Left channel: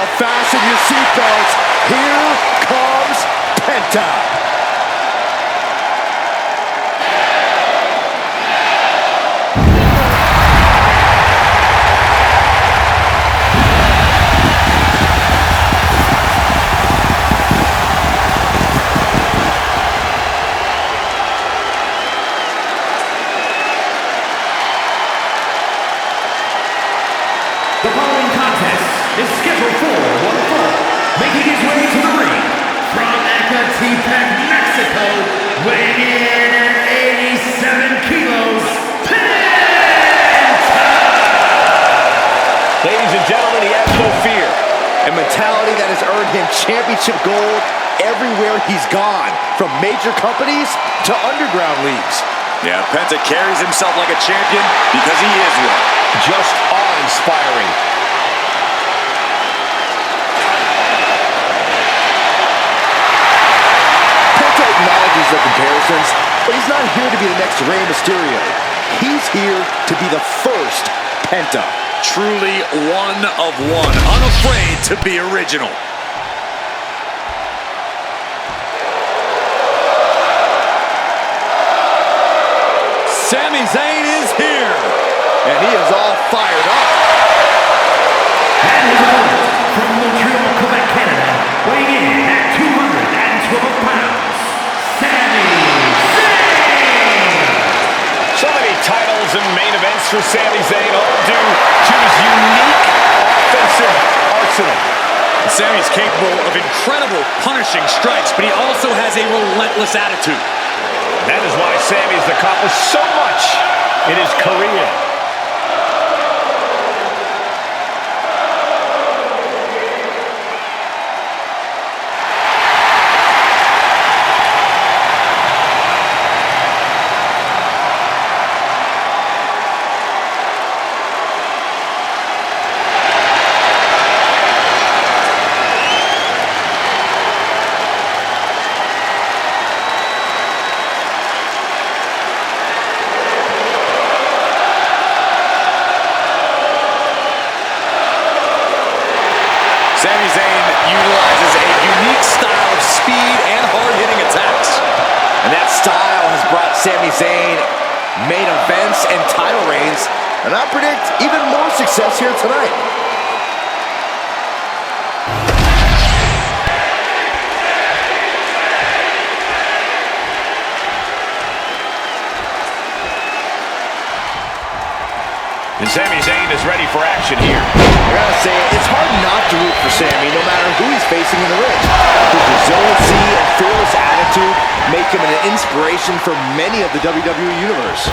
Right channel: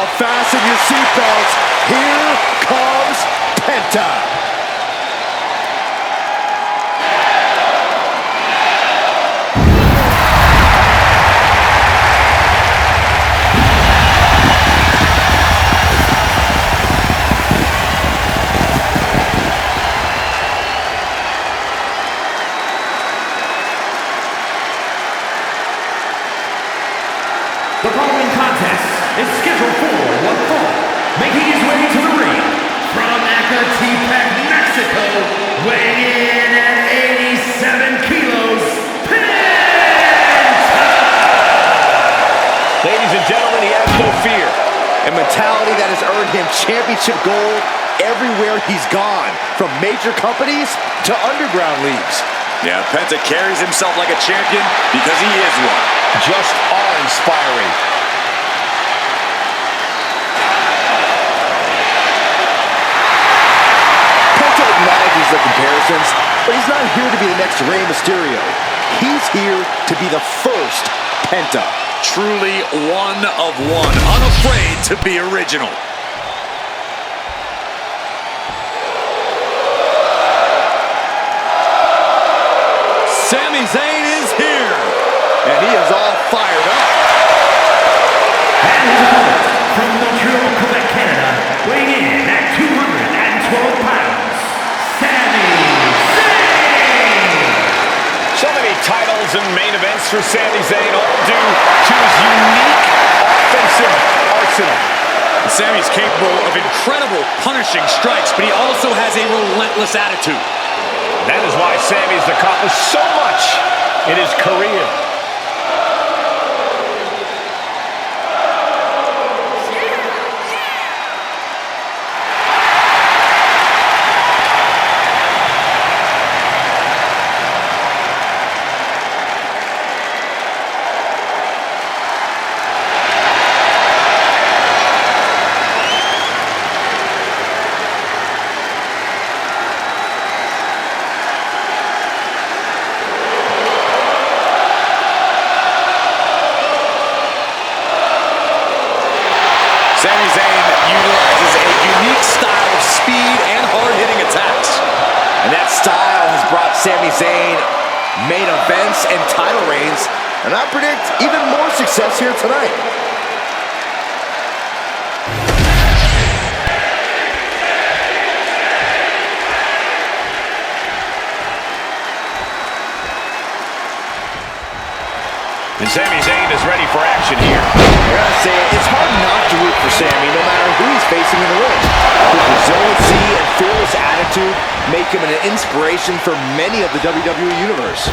Oh, fasten your seatbelts. Here comes Penta. The following contest is scheduled for one fall. Making his way to the ring from Ecatepec, Mexico, weighing in at 87 kilos, Penta! Ladies and gentlemen, he has no fear. A mentality that has earned him championship gold everywhere he's gone, from major companies to underground leagues. Yeah, Penta carries himself like a champion because he is one. Just awe-inspiring. Penta acknowledges the comparisons, but he's not here to be the next Rey Mysterio. He's here to be the first Penta. Truly one of one, unafraid to be original. Sami Zayn is here, and he is all fired up. And his opponent from Montreal, Quebec, Canada, weighing in at 212 pounds, Sami Zayn! So many titles and main events for Sami Zayn, all due to his unique offensive arsenal. Sami's capable of incredible punishing strikes, but he also has a relentless attitude. That is why Sami's accomplished so much in his career. Sami Zayn utilizes a unique style of speed and hard-hitting attacks. And that style has brought Sami Zayn main events and title reigns, and I predict even more success here tonight. And Sami Zayn is ready for action here. I gotta say, it's hard not to root for Sami, no matter who he's facing in the ring. His resiliency and fearless attitude make him an inspiration for many of the WWE Universe.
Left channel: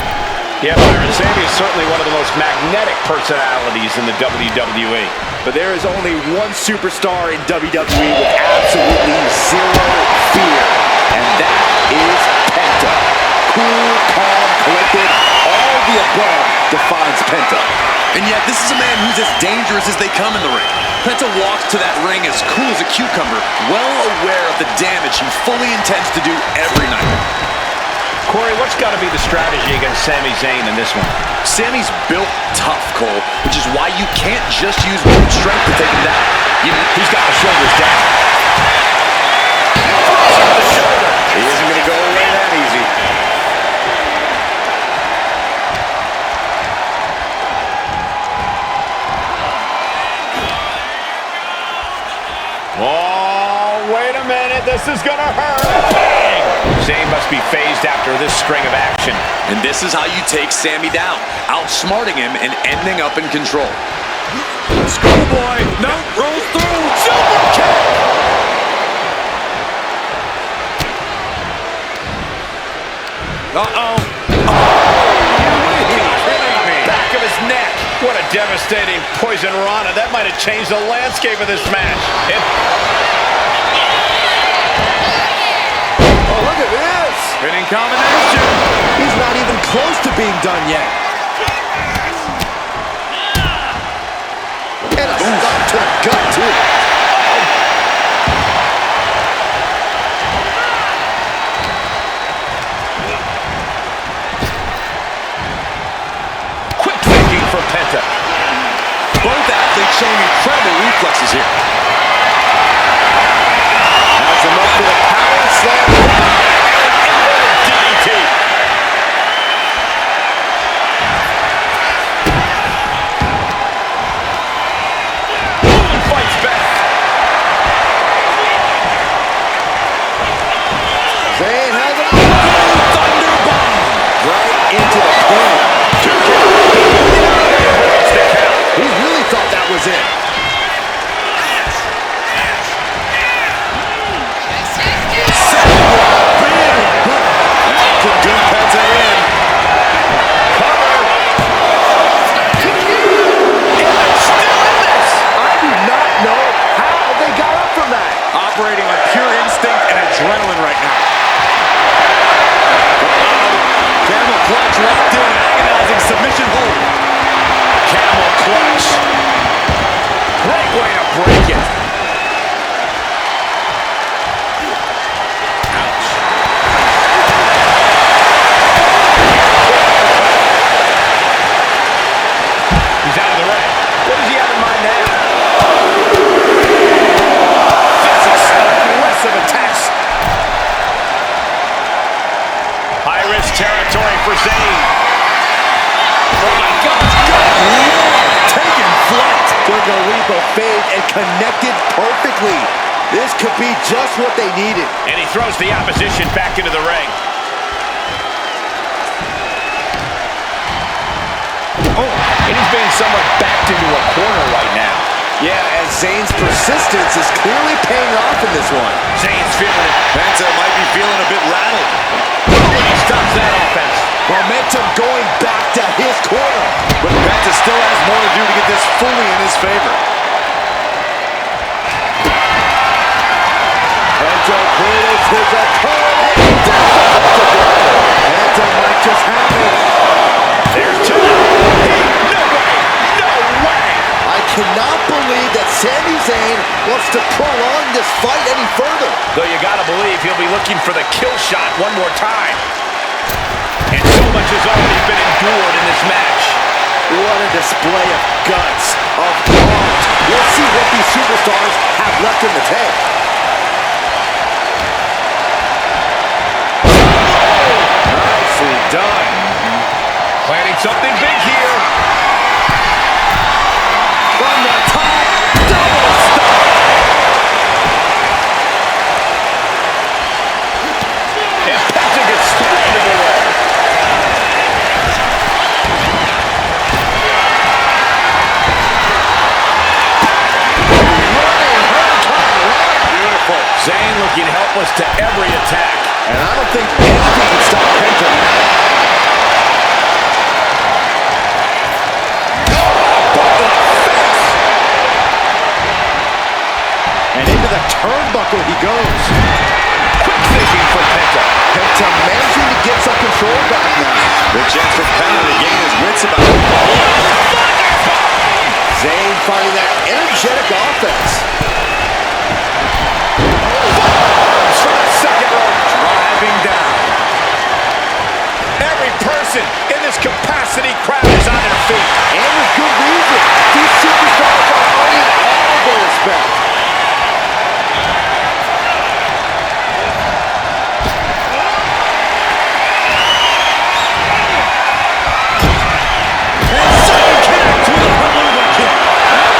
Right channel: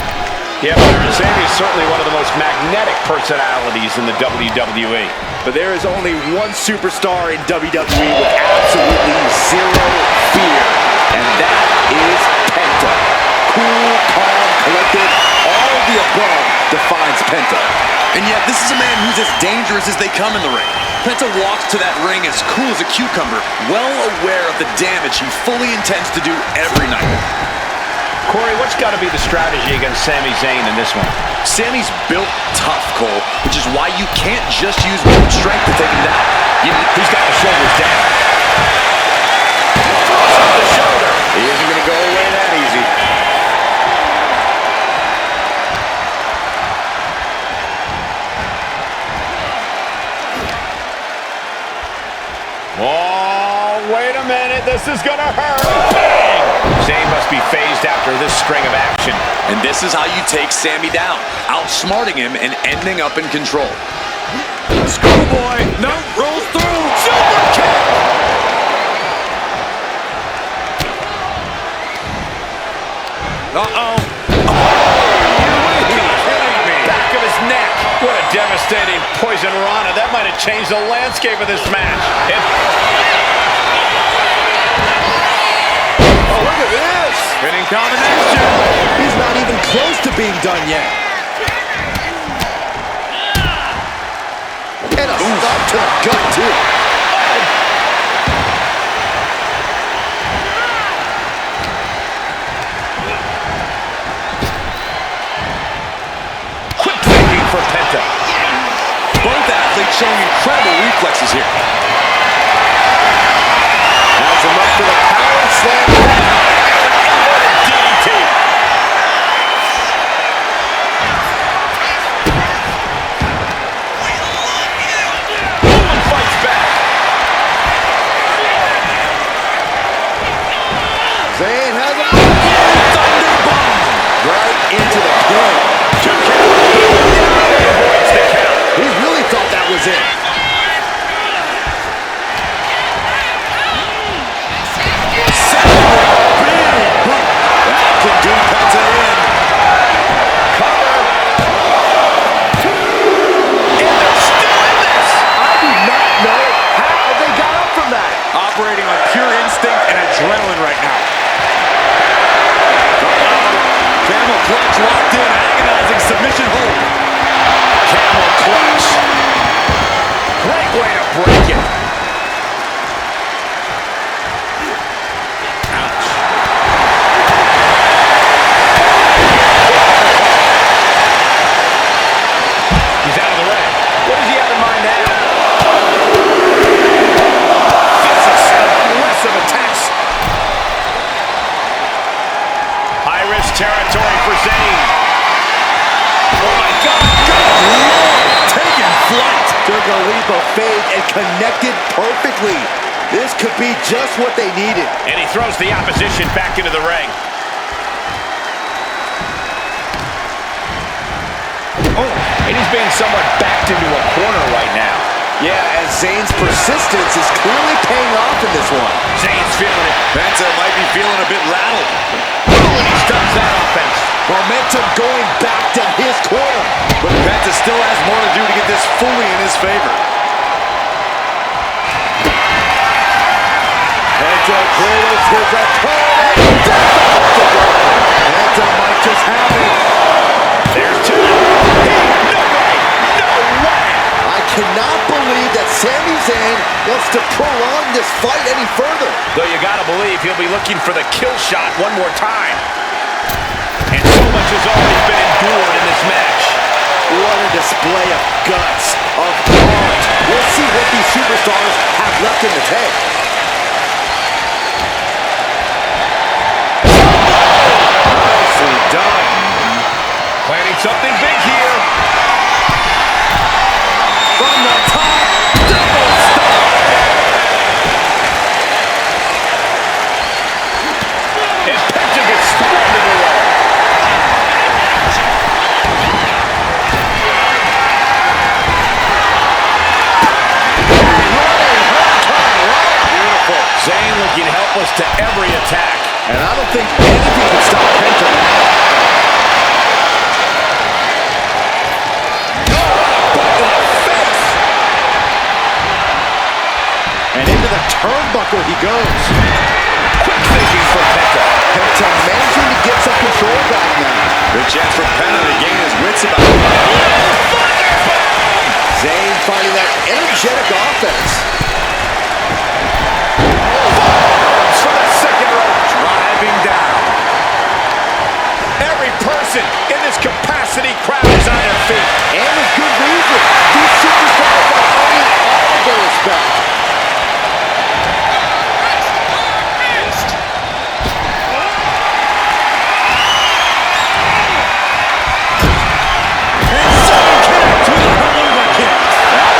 Yeah, Byron, Sami is certainly one of the most magnetic personalities in the WWE. But there is only one superstar in WWE with absolutely zero fear, and that is Penta. Cool, calm, collected, all the above defines Penta. And yet, this is a man who's as dangerous as they come in the ring. Penta walks to that ring as cool as a cucumber, well aware of the damage he fully intends to do every night. Corey, what's got to be the strategy against Sami Zayn in this one? Sami's built tough, Cole, which is why you can't just use brute strength to take him down. He's got the shoulders down. Throws up the shoulder. He isn't going to go away that easy. Oh, wait a minute. This is going to hurt. Bang! Zayn must be phased after this string of action. And this is how you take Sami down, outsmarting him and ending up in control. Schoolboy, no, rolls through, super kick! Uh-oh. Back of his neck. What a devastating poison rana. That might have changed the landscape of this match. Oh, look at this. Spinning combination. He's not even close to being done yet. And a stop to the gut, too. Quick thinking for Penta. Both athletes showing incredible reflexes here. in. 2 count. He avoids the count. He really thought that was it. That can do Penta in. Cover. And they're still in this. I do not know how they got up from that. Operating on pure instinct and adrenaline right now. Camel clutch locked in, agonizing submission hold. Camel clutch. Great way to break it. Ouch. He's out of the ring. What does he have in mind now? Physics, aggressive attacks. High-risk territory for Zayn. Oh my God, good Lord! Taking flight. Took a leap of faith and connected perfectly. This could be just what they needed. And he throws the opposition back into the ring. Oh, and he's being somewhat backed into a corner right now. Yeah, as Zayn's persistence is clearly paying off in this one. Zayn's feeling it. Penta might be feeling a bit rattled. Oh, and he stops that offense. Momentum going back to his corner. But Penta still has more to do to get this fully in his favor. Penta cradles his opponent. Difficult to block. Penta might just have it. There's 2. No way. No way. I cannot believe that Sami Zayn wants to prolong this fight any further. Though you gotta believe he'll be looking for the kill shot one more time. And so much has already been endured in this match. What a display of guts, of heart. We'll see what these superstars have left in the tank. Nicely done. Planning something big here. From the top, double stomp. And Penta gets thrown away. Running Hurricane Rana. Beautiful. Zayn looking helpless to every attack. And I don't think anything can stop Penta now. And into the turnbuckle he goes. Quick thinking for Penta. Penta managing to get some control back now. Big chance for Penta to gain his wits about it. Zayn finding that energetic offense. Arms for the second rope. Driving down. Every person in this capacity crowd is on their feet. And with good reason. These superstars are earning all of their respect.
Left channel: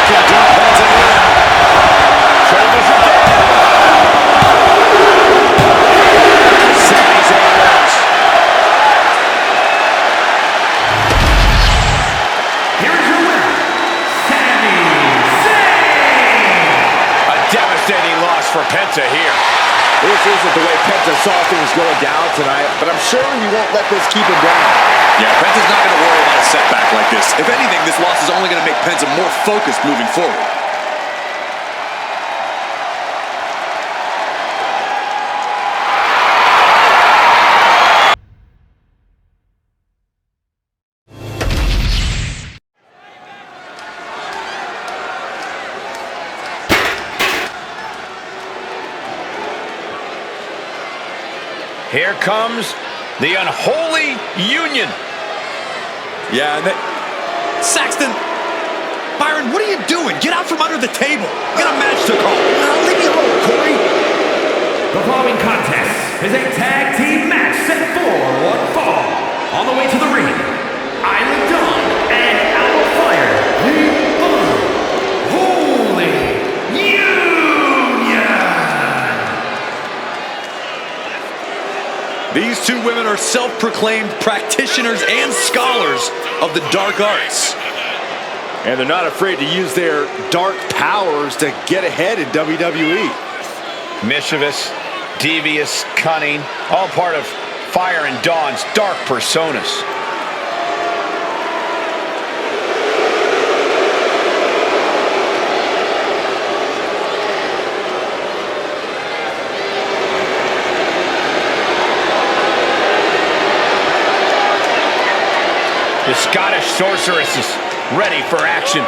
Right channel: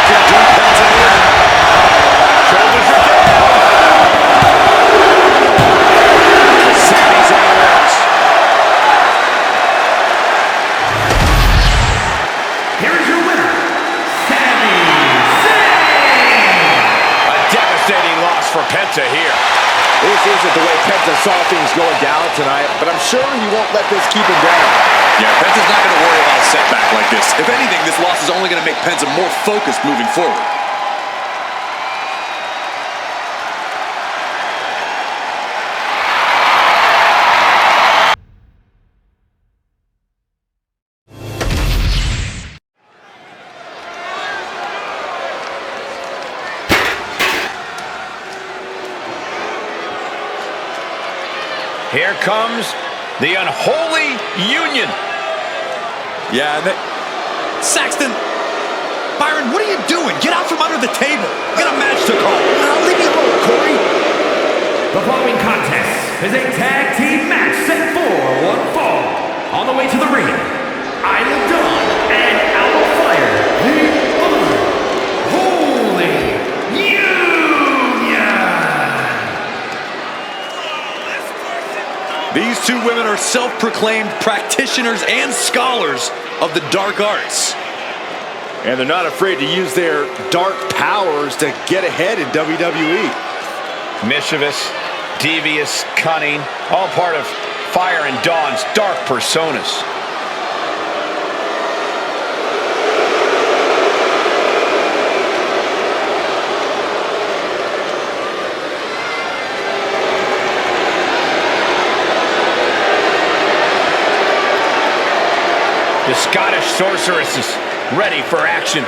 Can do Penta in. Shoulders are down. Sami Zayn wins. Here is your winner, Sami Zayn! A devastating loss for Penta here. This isn't the way Penta saw things going down tonight, but I'm sure he won't let this keep him down. Yeah, Penta's not going to worry about a setback like this. If anything, this loss is only going to make Penta more focused moving forward. Here comes the unholy union. Yeah, and Saxton, Byron, what are you doing? Get out from under the table. You got a match to call. Leave me alone, Corey. The following contest is a tag team match set for one fall. On the way to the ring, Isla Dawn and Alba Fire, the Unholy Union. These two women are self-proclaimed practitioners and scholars of the dark arts. And they're not afraid to use their dark powers to get ahead in WWE. Mischievous, devious, cunning, all part of Fire and Dawn's dark personas. The Scottish sorceress is ready for action.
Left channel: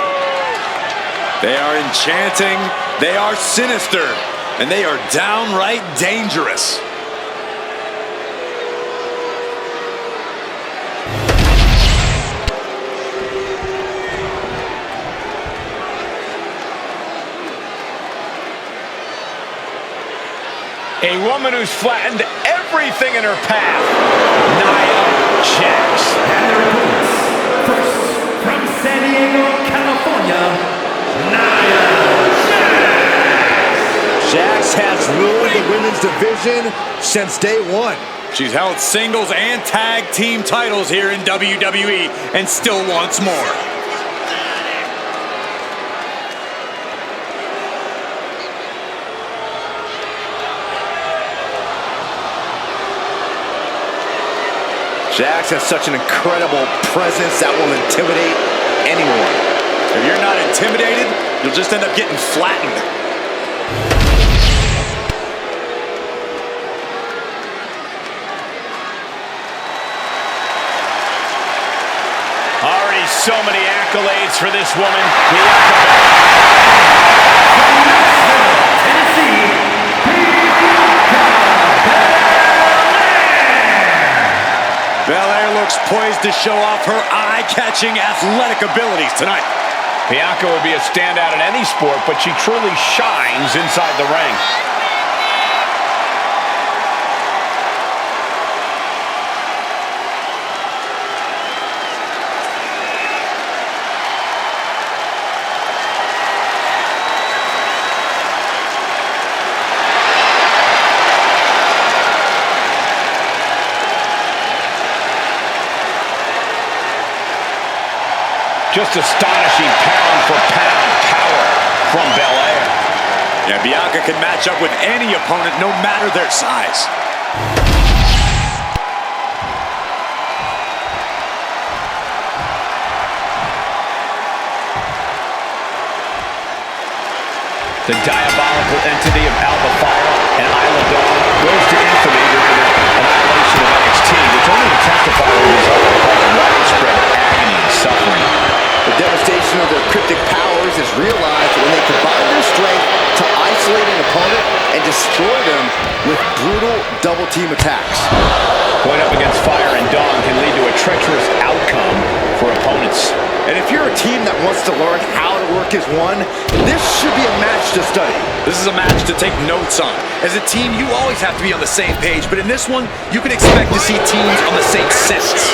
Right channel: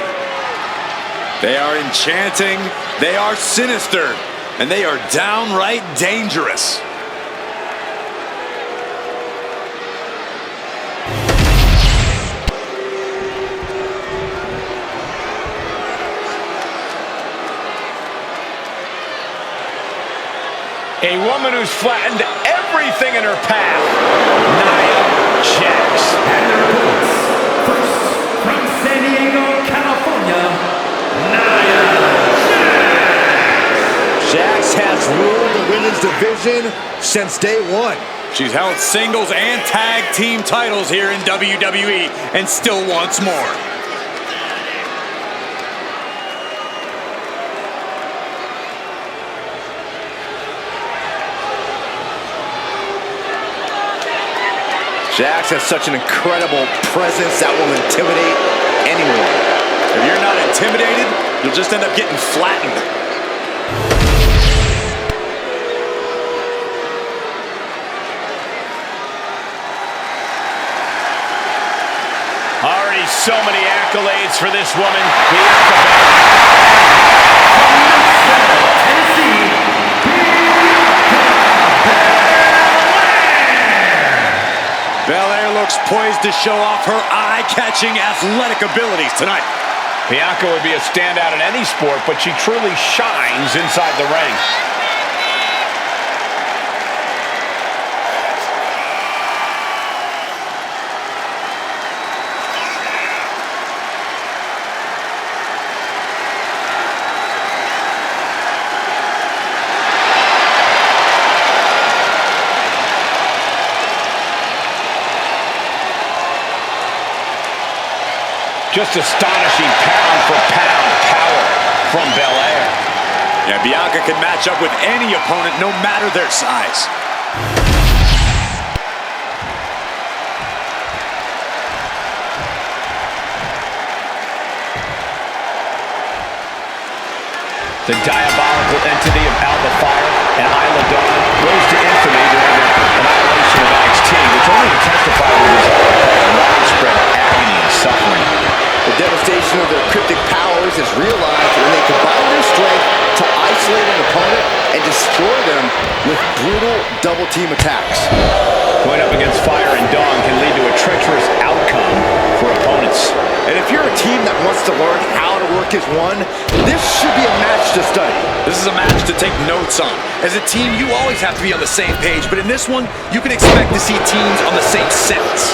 They are enchanting, they are sinister, and they are downright dangerous. A woman who's flattened everything in her path, Nia Jax. And their opponents, first, from San Diego, California, Nia Jax. Jax has ruled the women's division since day one. She's held singles and tag team titles here in WWE and still wants more. Jax has such an incredible presence that will intimidate anyone. If you're not intimidated, you'll just end up getting flattened. Already so many accolades for this woman, Bianca Belair. From Knoxville, Tennessee, Bianca Belair. Belair looks poised to show off her eye-catching athletic abilities tonight. Bianca would be a standout in any sport, but she truly shines inside the ring. Just astonishing pound for pound power from Belair. Yeah, Bianca can match up with any opponent, no matter their size. The diabolical entity of Alba Fire and Isla Dawn rose to infamy during their annihilation of NXT, which only intensified the result of widespread agony and suffering. The devastation of their cryptic powers is realized when they combine their strength to isolate an opponent and destroy them with brutal double-team attacks. Going up against Fire and Dawn can lead to a treacherous outcome for opponents. And if you're a team that wants to learn how to work as one, this should be a match to study. This is a match to take notes on. As a team, you always have to be on the same page, but in this one, you can expect to see teams on the same sentence.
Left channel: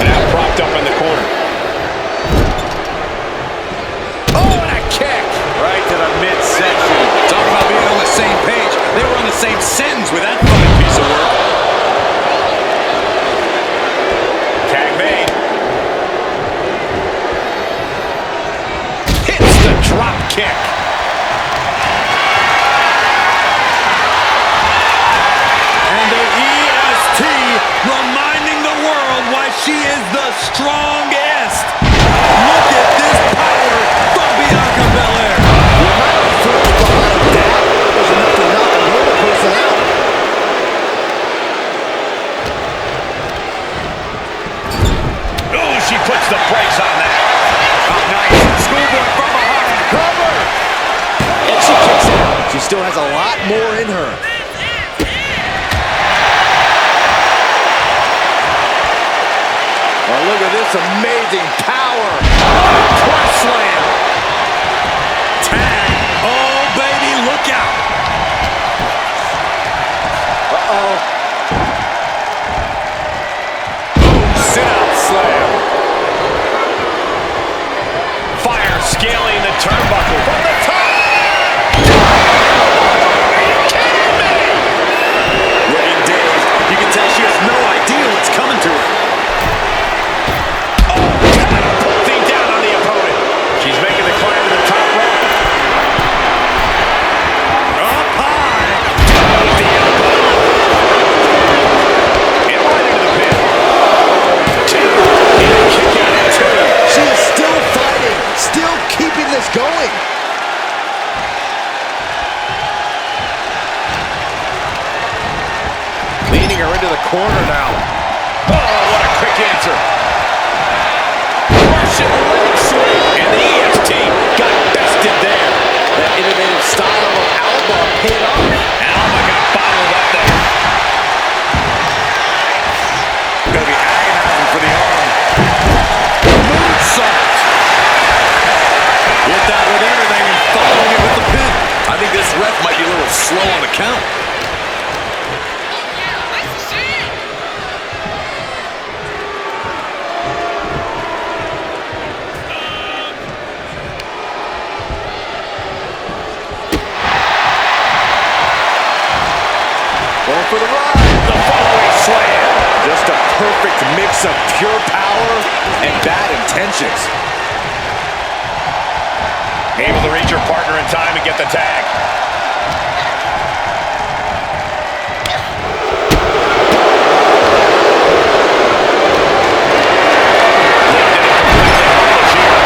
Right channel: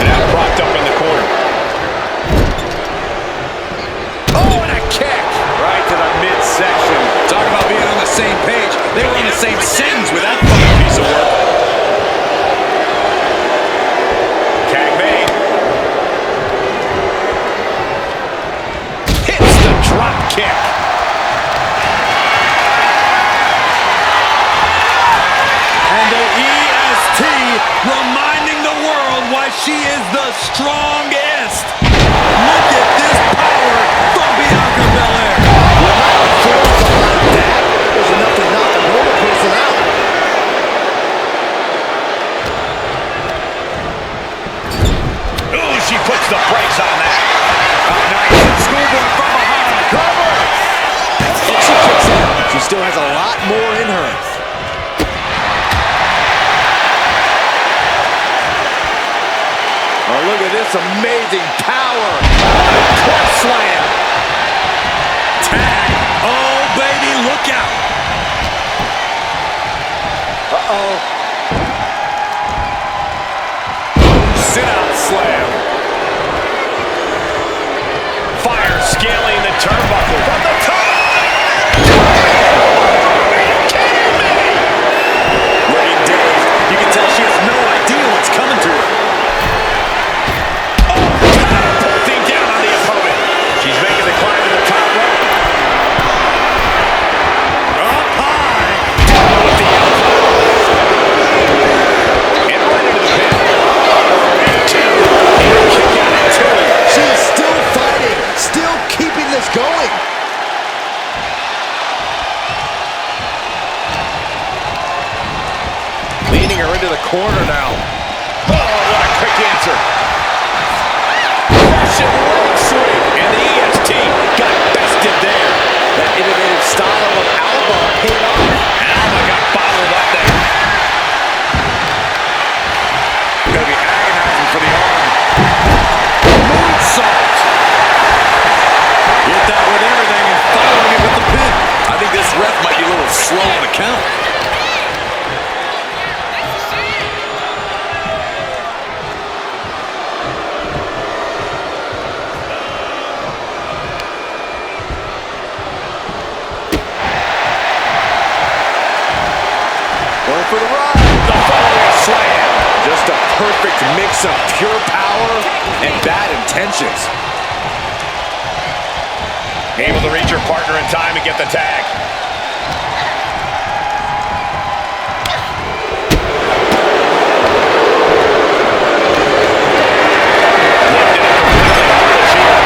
And now propped up in the corner. Oh, and a kick! Right to the midsection. Talk about being on the same page. They were on the same sentence with that fucking piece of work. Tag made. Hits the drop kick. And the EST reminding the world why she is the strongest. Look at this power from Bianca Belair. The amount of force behind that is enough to knock a normal person out. Oh, she puts the brakes on that. Oh, nice. Schoolboy from behind. Cover. And she kicks out. She still has a lot more in her. Oh, look at this amazing power. What a press slam. Tag. Oh, baby, look out. Uh-oh. Boom, sit-out slam. scaling the turnbuckle. From the top. Are you kidding me? Looking dazed. You can tell she has no idea what's coming to her. Oh, catapulting down on the opponent. She's making the climb to the top rope. Up high. Down with the elbow. And right into the pin. Two. And kick out at two. She is still fighting, still keeping this going. Leaning her into the corner now. Oh, what a quick answer. Russian leg sweep. And the EST got bested there. That innovative style of Alba paid off. Alba got bottled up there. Gonna be agonizing for the arm. Moonsault. Hit that with everything and following it with the pin. I think this ref might be a little slow on the count. Going for the ride. The following slam. Just a perfect mix of pure power and bad intentions. Able to reach her partner in time and get the tag. Lifted it completely helpless here.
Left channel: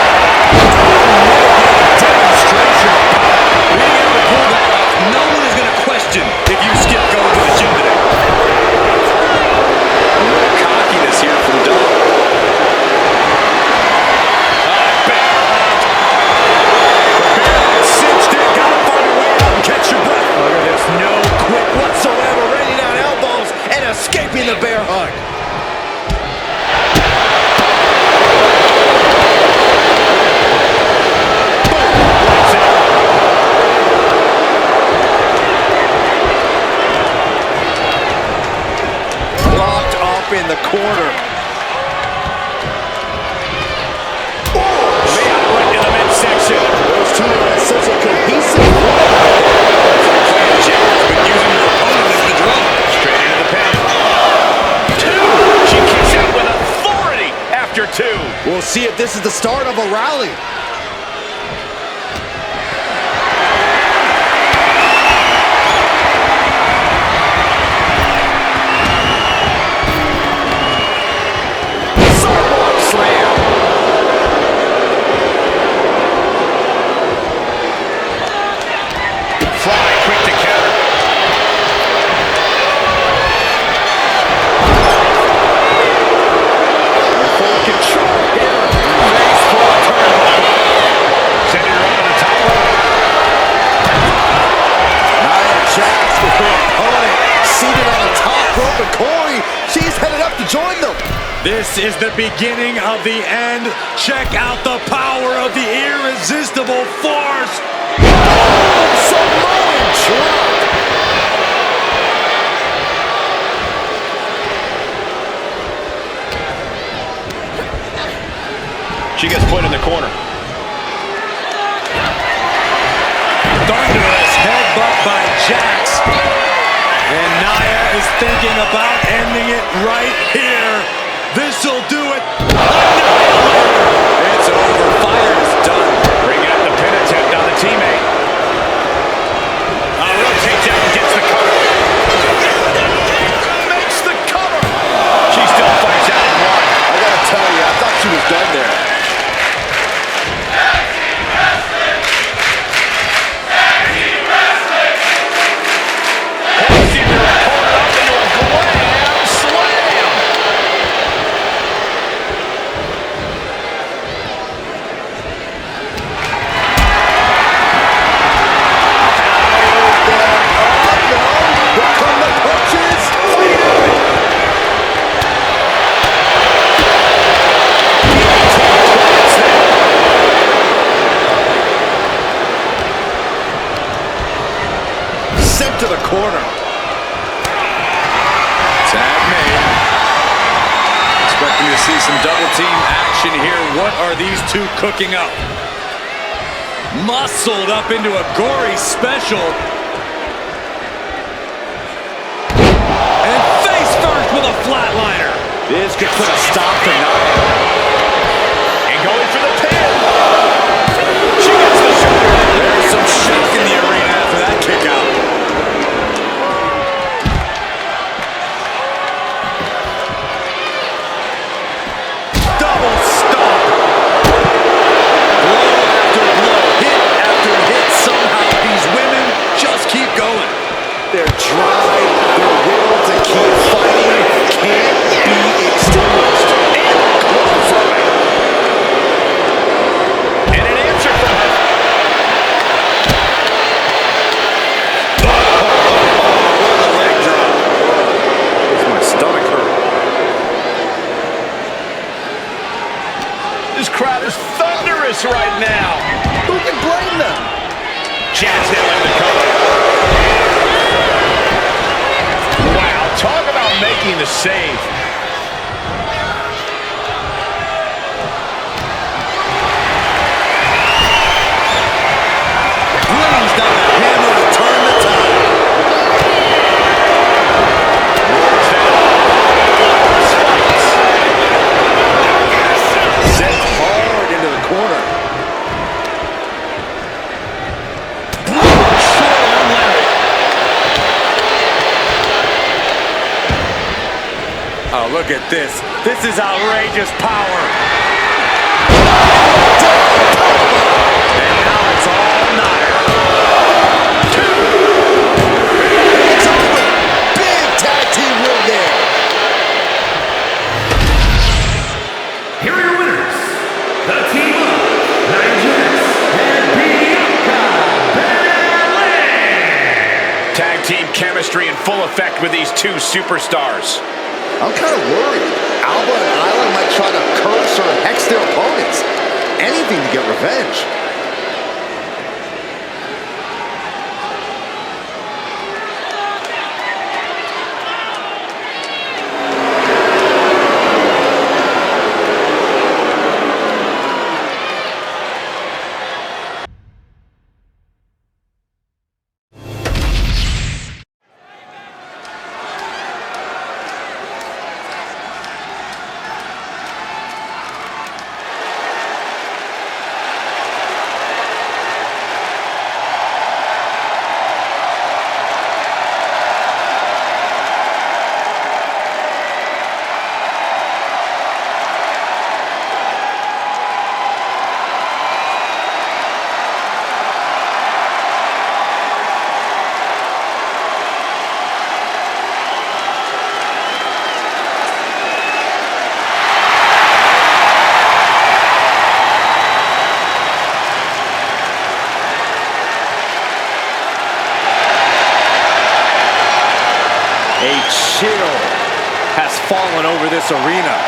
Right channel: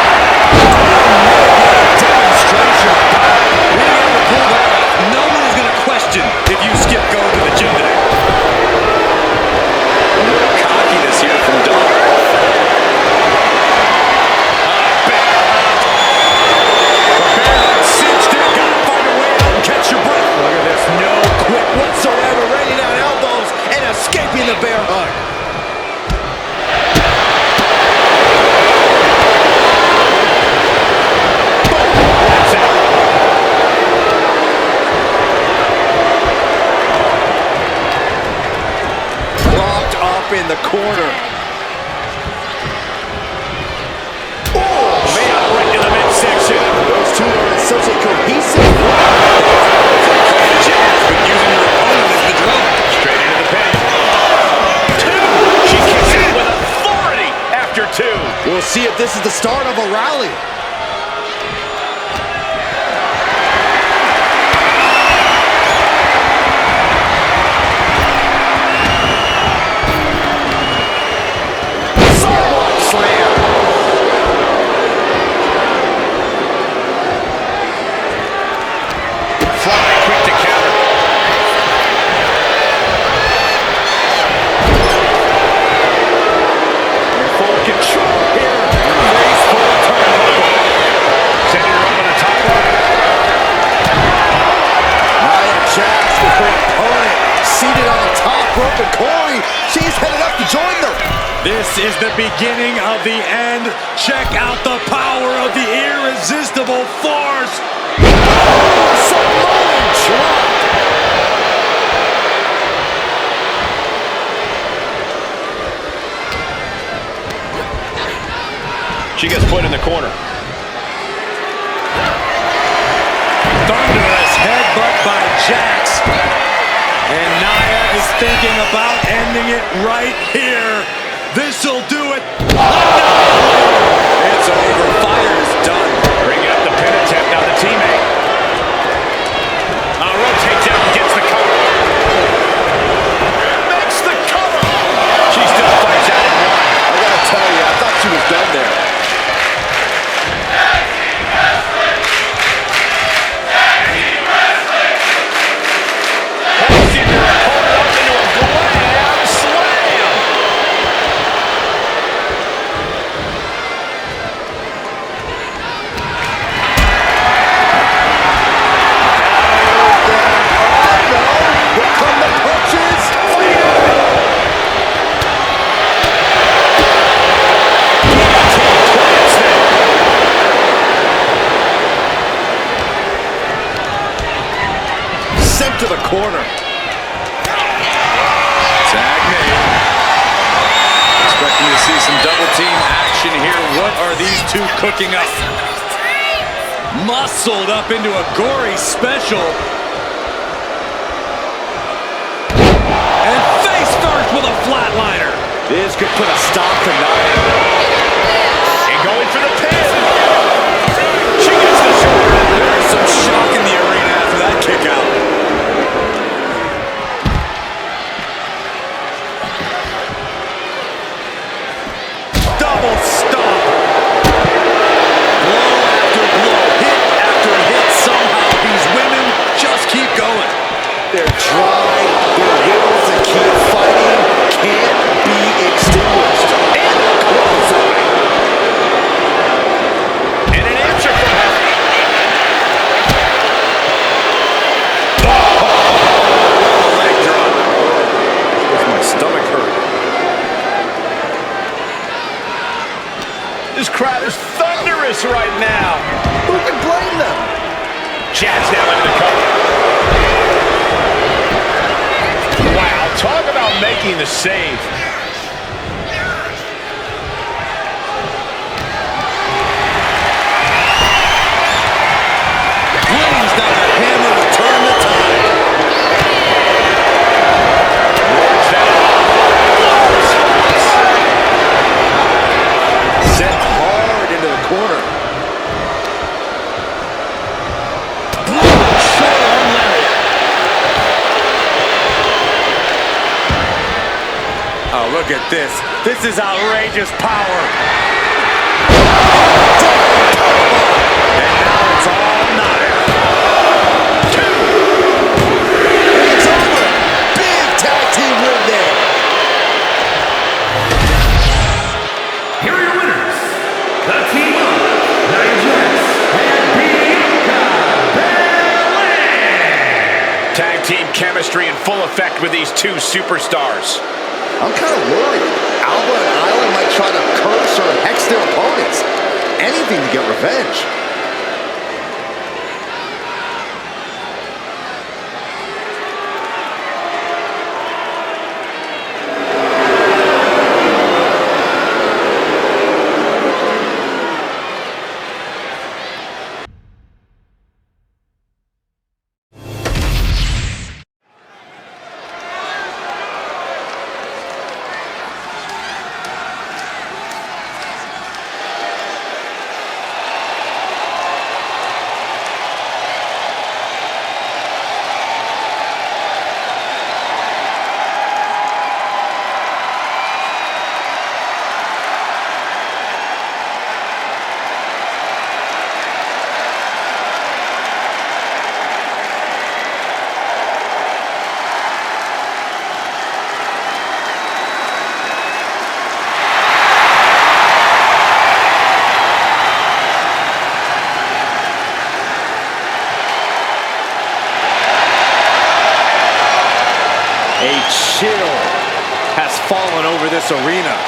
Demonstration of power. Being able to pull that off, no one is going to question if you skip going to the gym today. A little cockiness here from Dom. Bear hug. The bear hug cinched in. Got to find a way out and catch your breath. Look at this, no quit whatsoever, raining down elbows and escaping the bear hug. Lights out. Locked up in the corner. Man, right to the midsection. Those two are in such a cohesive unit out there. It's like playing jazz, but using your opponent as the drum. Straight into the pin. Two. She kicks out with authority after two. We'll see if this is the start of a rally. Sidewalk slam. Fly, quick to counter. Full control here. Face full of turnbuckle. Sending her up on the top rope. Nia Jax with her opponent seated on the top rope, and Corey, she's headed up to join them. This is the beginning of the end. Check out the power of the irresistible force. Samoan drop. She gets put in the corner. Thunderous headbutt by Jax. And Nia is thinking about ending it right here. This'll do it. Annihilator. It's over. Fire is done. Bringing up the pin attempt on the teammate. Rotates out and gets the cover. Makes the cover. She still fights out in one. I gotta tell you, I thought she was done there. Hoisting her opponent up into a glam slam. Sent to the corner. Tag made. Expecting to see some double team action here. What are these two cooking up? Muscled up into a gory special. And face first with a flatliner. This could put a stop to Nia. And going for the pin. She gets the shoulder. There's some shock in the arena after that kick out. Double stomp. Blow after blow. Hit after hit. Somehow these women just keep going. Their drive, their will to keep fighting can't be extinguished. And they're qualified. And an answer from her. What a leg drop. Makes my stomach hurt. This crowd is thunderous right now. Who can blame them? Jazz now into the cover. Wow, talk about making the save. Brings down the hammer to turn the tide. Works that off. Block response. Set hard into the corner. Short arm lariat. Oh, look at this. This is outrageous power. And now it's all Nia. It's over. Big tag team win there. Here are your winners, the team of Nia Jax and Bianca Belair. Tag team chemistry in full effect with these two superstars. I'm kind of worried. Alba and Isla might try to curse or hex their opponents. Anything to get revenge. A chill has fallen over this arena.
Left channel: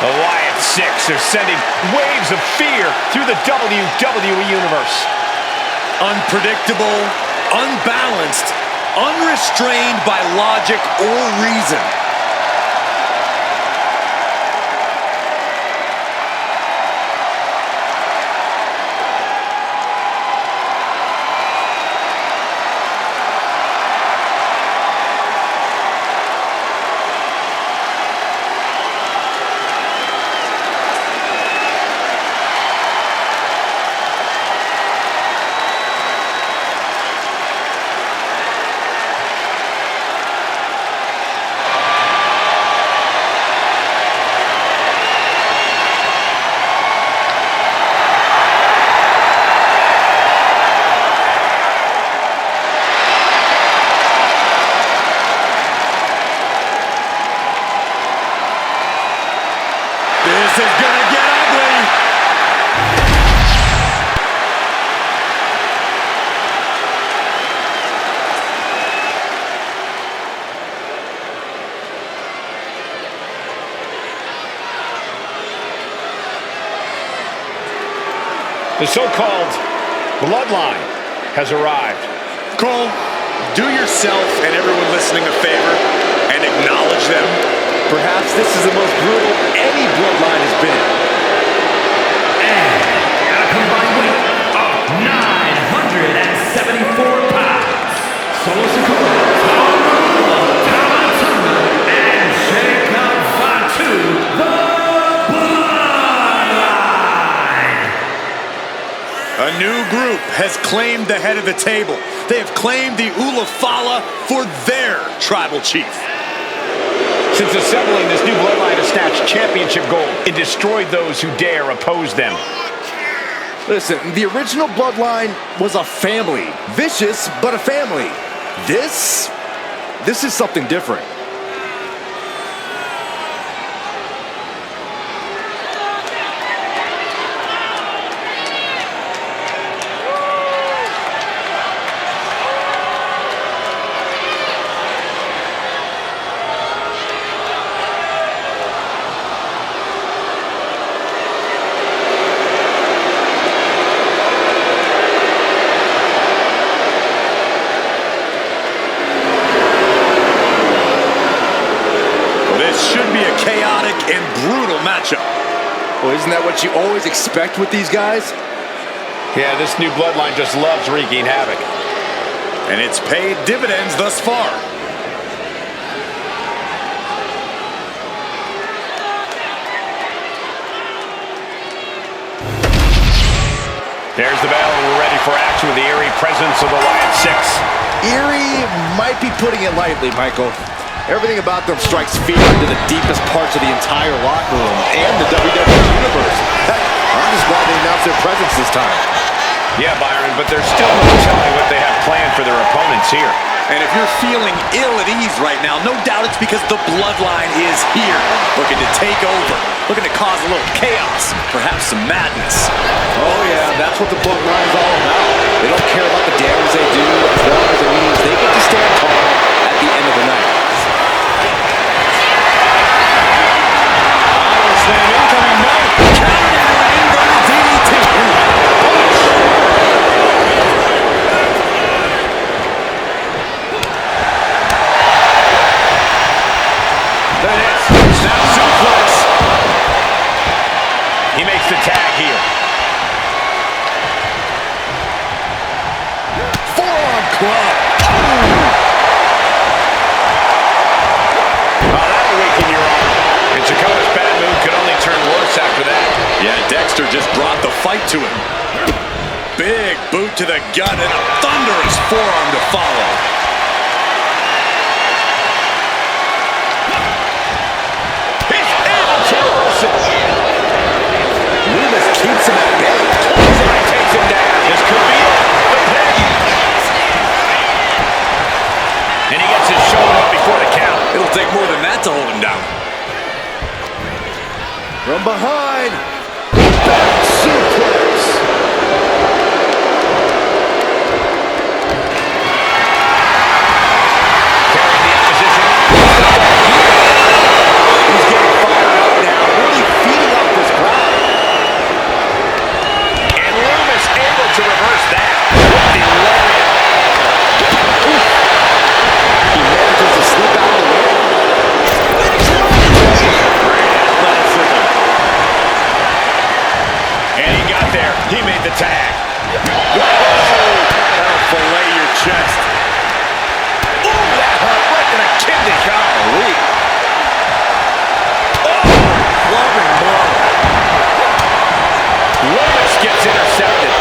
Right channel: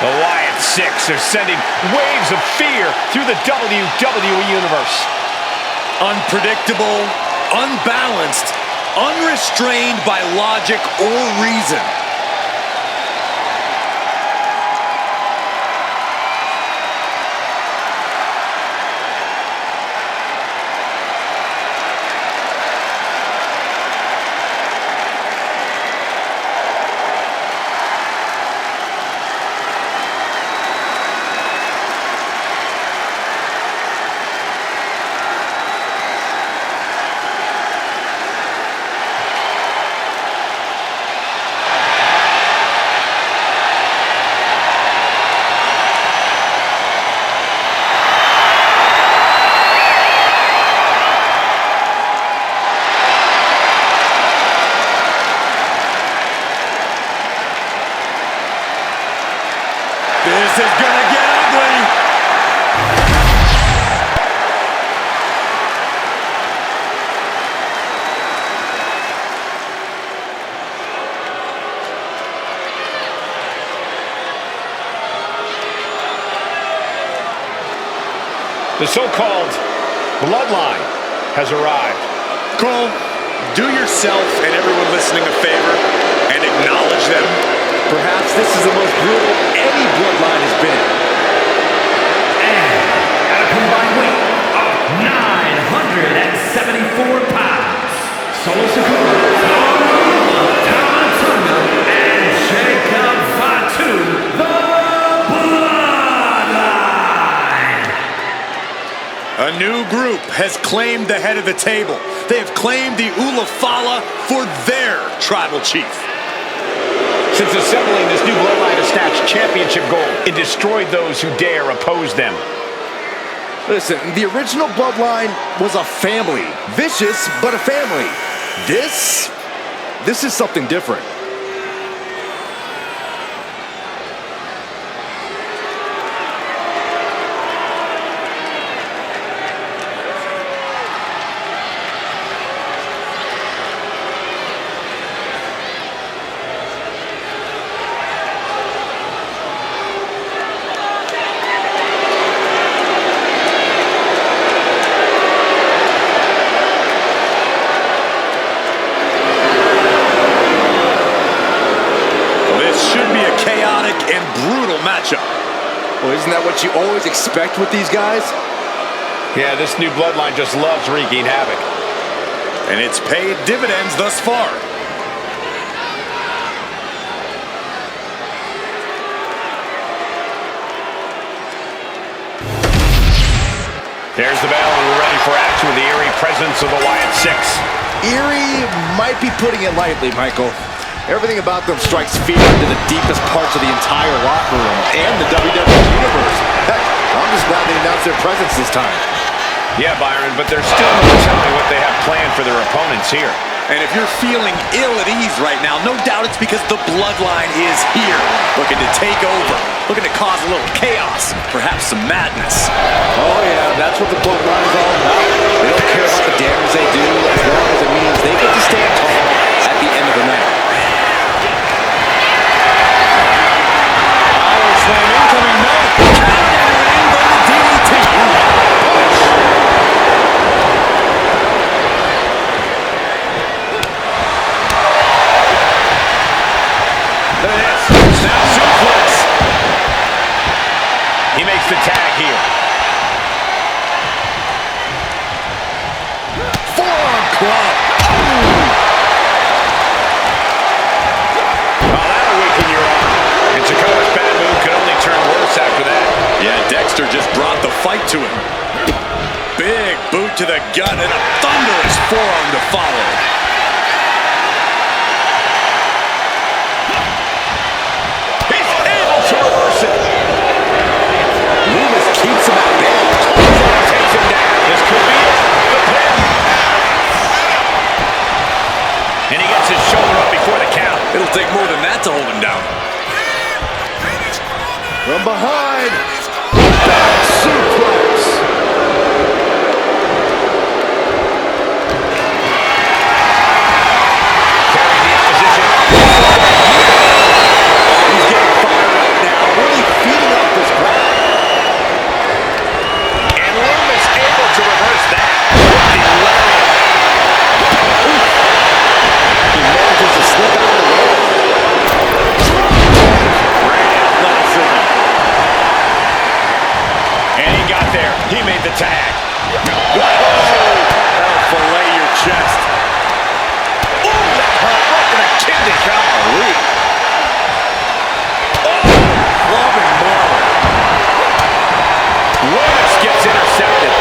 The Wyatt Six are sending waves of fear through the WWE Universe. Unpredictable, unbalanced, unrestrained by logic or reason. This is gonna get ugly. The so-called bloodline has arrived. Cole, do yourself and everyone listening a favor and acknowledge them. Perhaps this is the most brutal any bloodline has been. And at a combined weight of 974 pounds, Solo Sikoa, Tama Tonga, and Jacob Fatu, the Bloodline. A new group has claimed the head of the table. They have claimed the Ulafala for their tribal chief. Since assembling, this new bloodline has snatched championship gold and destroyed those who dare oppose them. Listen, the original bloodline was a family. Vicious, but a family. This is something different. Should be a chaotic and brutal matchup. Well, isn't that what you always expect with these guys? Yeah, this new bloodline just loves wreaking havoc. And it's paid dividends thus far. There's the bell, and we're ready for action with the eerie presence of the Wyatt Six. Eerie might be putting it lightly, Michael. Everything about them strikes fear into the deepest parts of the entire locker room and the WWE Universe. Heck, I'm just glad they announced their presence this time. Yeah, Byron, but there's still no telling what they have planned for their opponents here. And if you're feeling ill at ease right now, no doubt it's because the bloodline is here, looking to take over, looking to cause a little chaos, perhaps some madness. Oh yeah, that's what the bloodline is all about. They don't care about the damage they do as long as it means they get to stand tall at the end of the night. Slam incoming, no! Countered into an inverted DDT. Punch! Look at this. Snap suplex. He makes the tag here. Forearm club. Oh, that'll weaken your arm. And Sikoa's bad move could only turn worse after that. Yeah, Dexter just brought the fight to him. Big boot to the gut and a thunderous forearm to follow. He's able to reverse it. Loomis keeps him at bay. Clothesline takes him down. This could be it. The pin. And he gets his shoulder up before the count. It'll take more than that to hold him down. From behind, back suplex. Carrying the opposition. He's getting fired up now, really feeding off this crowd. And Loomis able to reverse that with the lariat. He manages to slip out of the way. Great athleticism. And he got there. He made the tag. That'll fillet your chest. Ooh, that hurt right to the kidney. Golly. Oh, clubbing blow. Loomis gets intercepted.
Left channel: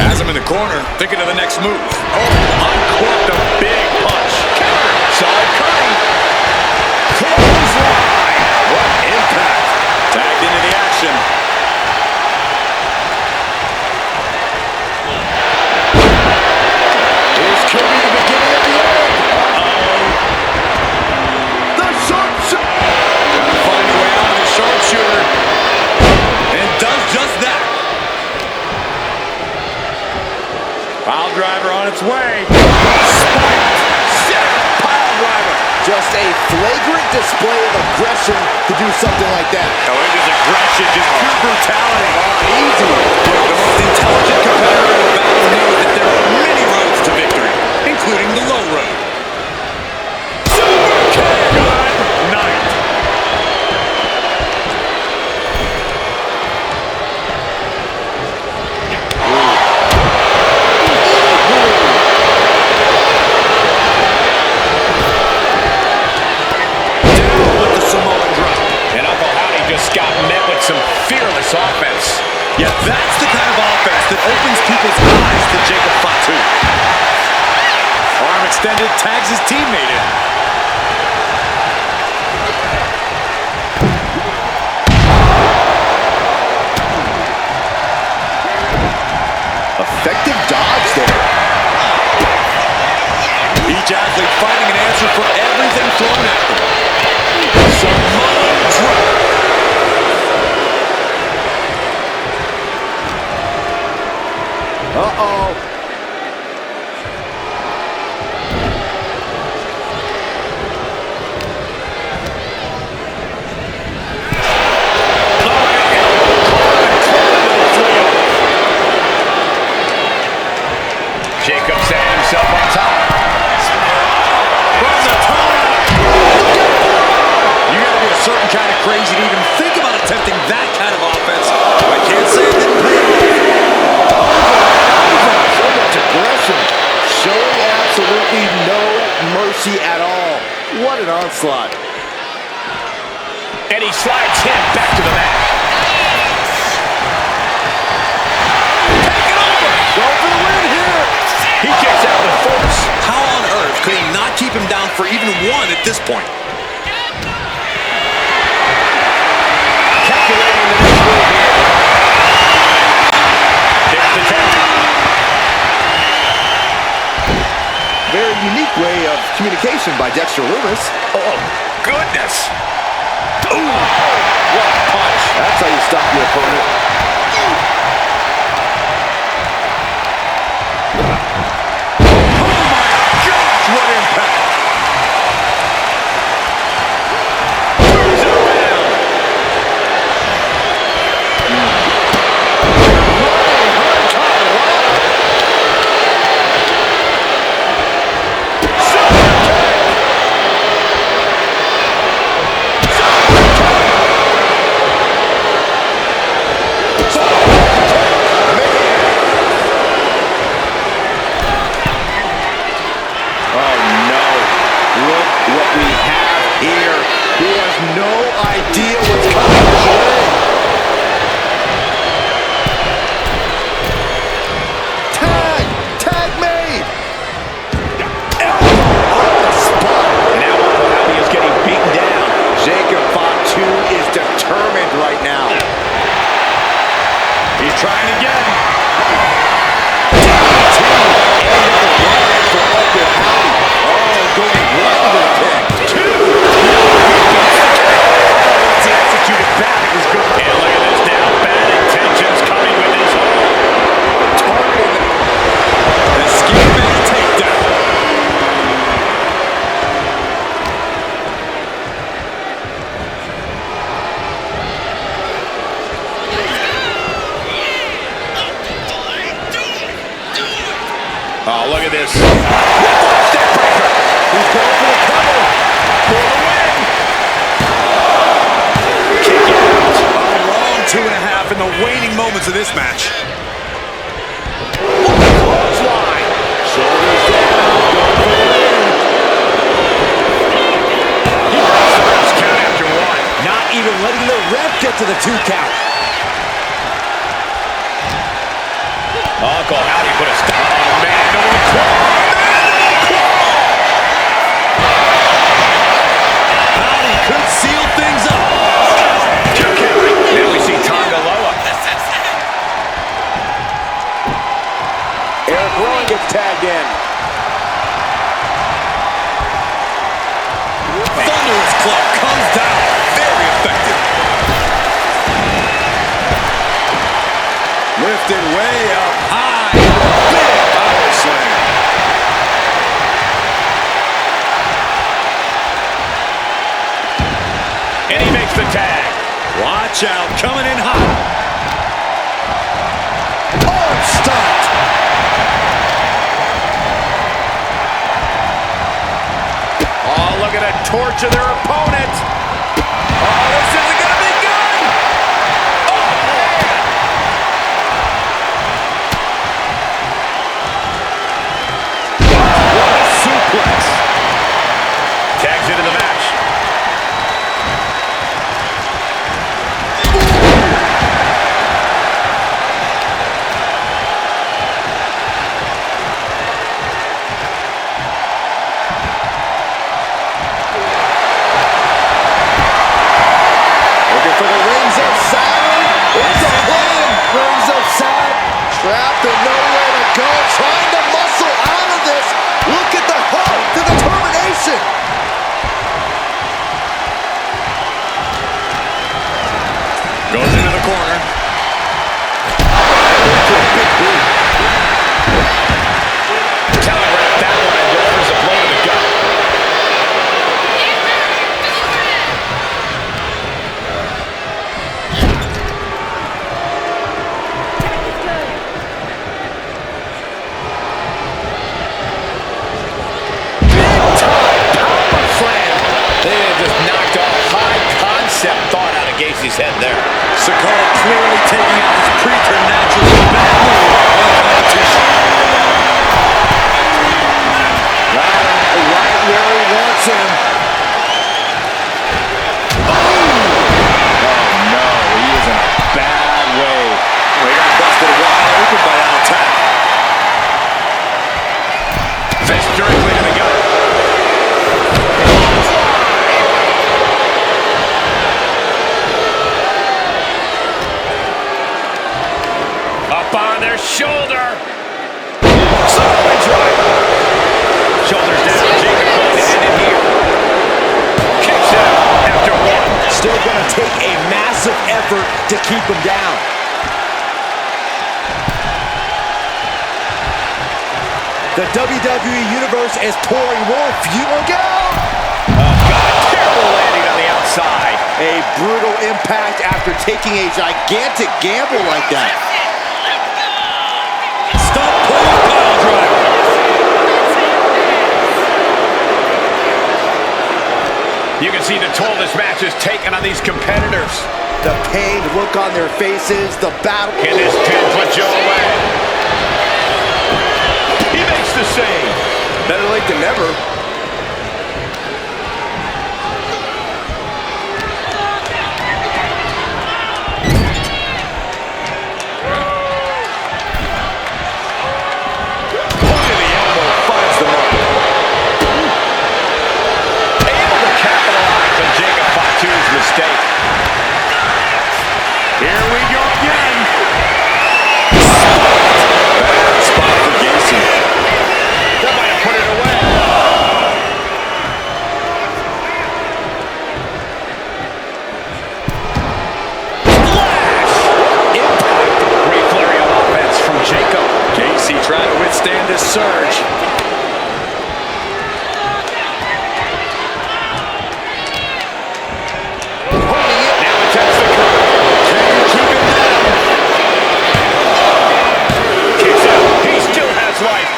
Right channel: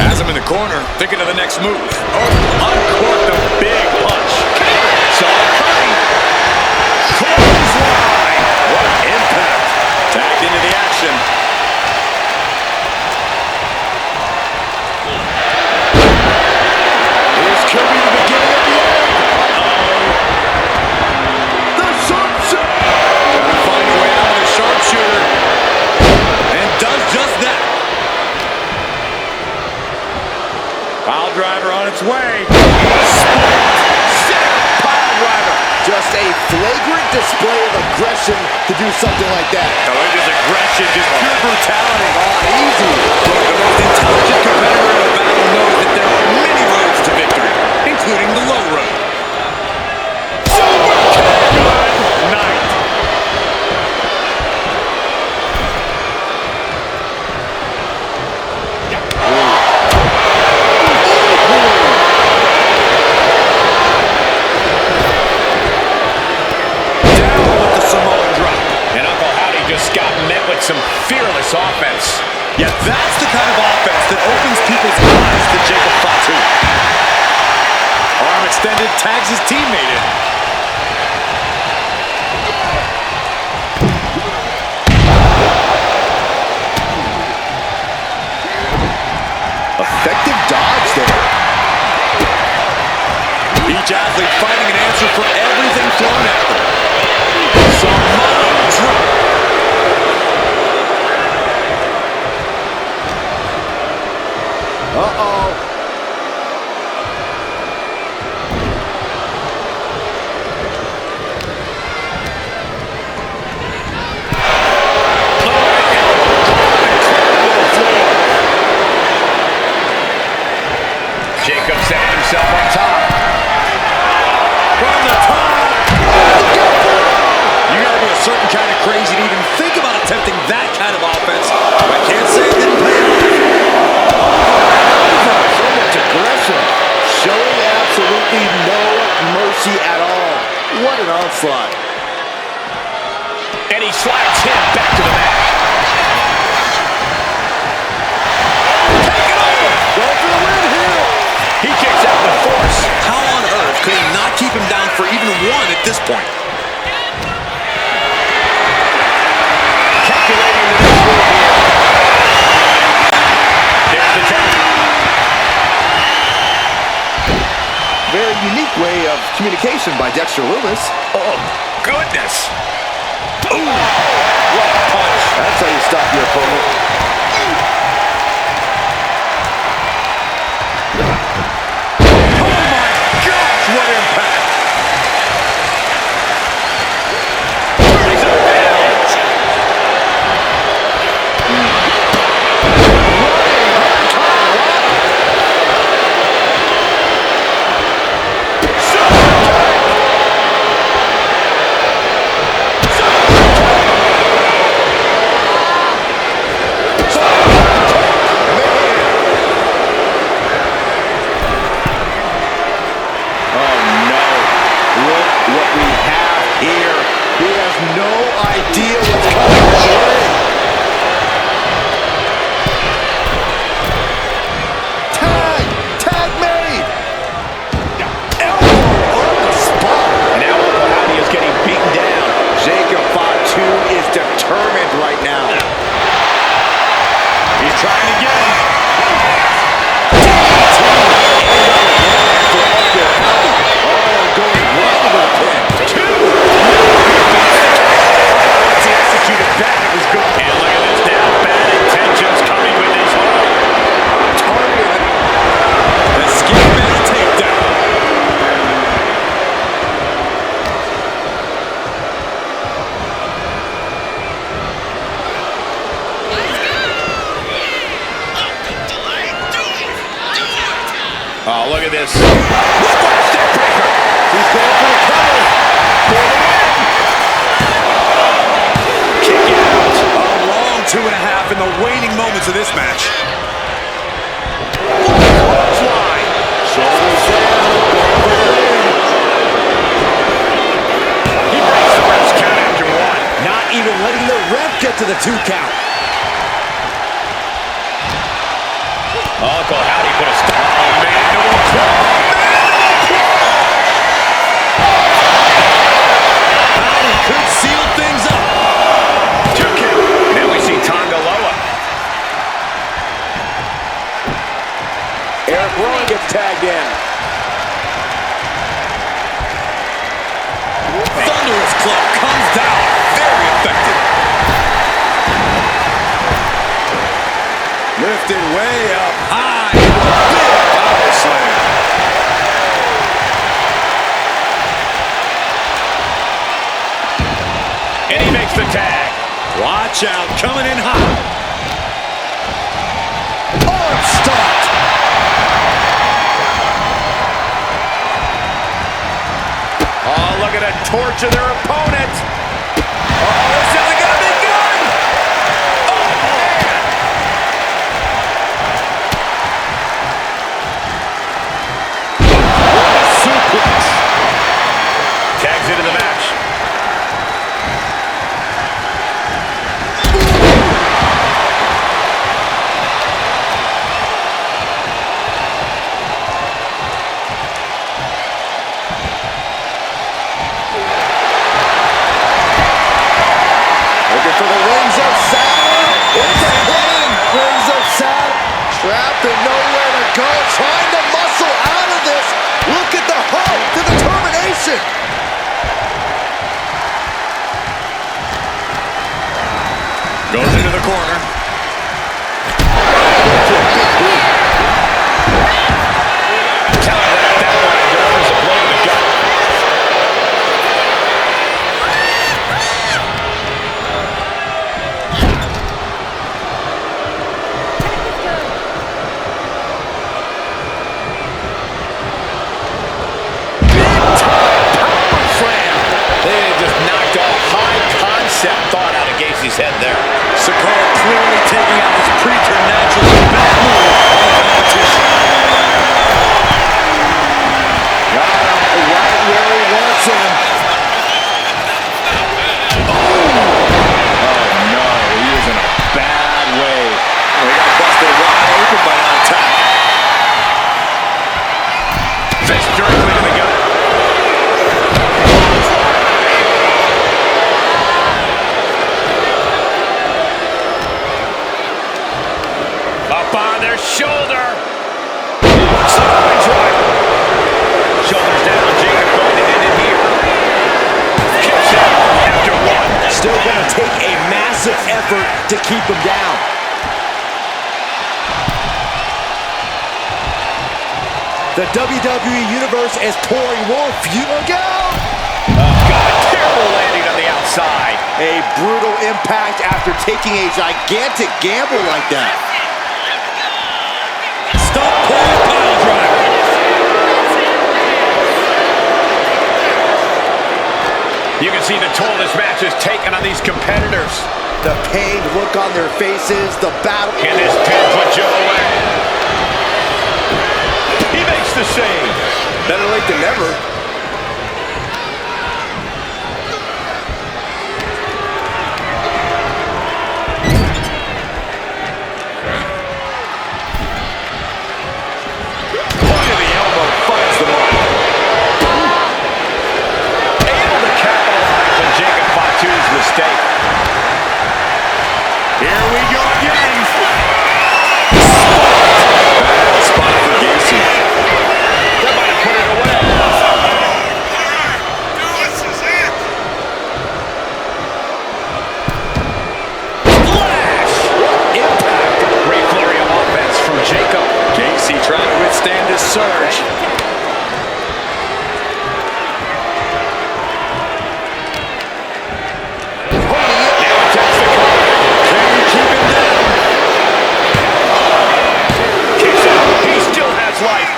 Has him in the corner, thinking of the next move. Oh, uncorked a big punch. Counter. Solid Curry. Clothesline. What impact. Tagged into the action. This could be the beginning of the end. Uh-oh. The sharpshooter. Gotta find a way out of the sharpshooter. And does just that. Pile driver on its way. Spiked. Sit out. Pile driver. Just a flagrant display of aggression to do something like that. Oh, it is aggression, just pure brutality. Come on, easy. Look, the most intelligent competitor in a battle knows that there are many roads to victory, including the low road. Super kick! Good night. Just got met with some fearless offense. Yeah, that's the kind of offense that opens people's eyes to Jacob Fatu. Arm extended, tags his teammate in. Effective dodge there. Each athlete finding an answer for everything thrown at them. Samoan drop. Uh-oh. Jacob setting himself on top. From the top. You got to be a certain kind of crazy to even think about attempting that kind of offense. I can't say it didn't pay off. Over and over. So much aggression. Showing absolutely no mercy at all. What an onslaught. And he slides him back to the mat. Take it over. Go for the win here. He kicks out with force. How on earth could he not keep him down for even one at this point? Calculating the next move here. There's the tap. Very unique way of communication by Dexter Lumis. Oh, goodness. Ooh, what a punch. That's how you stop your opponent. Oh, my gosh, what impact. Turns it around. Running Hurricanrana. Super kick. Super kick. Oh no. Look what we have here. He has no idea what's coming his way. Tag made. Elbow on the spot. And now Uncle Howdy is getting beaten down. Jacob Fatu is determined right now. He's trying again. For Uncle Howdy. Oh, going right into the pin. Two. No, he beats the count. How about once he executed that, it was good. And look at this now. Bad intentions coming with his arm. Targeting The ski man takedown. Oh, look at this. Whiplash neck breaker. He's going for the cover. For the win. Kick out. A long 2.5 in the waning moments of this match. Clothesline. Shoulders down. Going for the win. He breaks the ref's count after one. Not even letting the ref get to the 2 count. Uncle Howdy put a stop. Oh, mandible claw. Mandible claw. Howdy could seal things up. 2 count. Then we see Tonga Loa. Eric Rowan gets tagged in. Thunderous club comes down. Very effective. Lifted way up high. Big power slam. And he makes the tag. Watch out, coming in hot. Arm stopped. Oh, look at that torture their opponent. Oh, this isn't going to be good. Oh, man. What a suplex. Tags into the match. Looking for the Rings of Saturn. It's a pin. Rings of Saturn. Trapped and nowhere to go. Trying to muscle out of this. Look at the heart, the determination. Goes into the corner. Telegraph that one and delivers a blow to the gut. Just knocked off high concept thought out of Gacy's head there. Sikoa clearly taking out his preternaturally bad move on the competition. Got him right where he wants him. Oh no, he is in a bad way. Well, he got busted wide open by that attack. Fist directly to the gut. Up on their shoulder. Samoan driver. Shoulders down. Jacob going to end it here. Kicks out after one. Still going to take a massive effort to keep him down. The WWE Universe is pouring more fuel. Go! Oh, God. Terrible landing on the outside. A brutal impact after taking a gigantic gamble like that. Stump pull pile driver. You can see the toll this match has taken on these competitors. The pained look on their faces, the battle. Can this pin put Joe away? He makes the save. Better late than never. Mistake. Here we go again. Bad spot for Gacy. That might have put it away. Flash! What impact! Great flurry of offense from Jacob. Gacy trying to withstand this surge.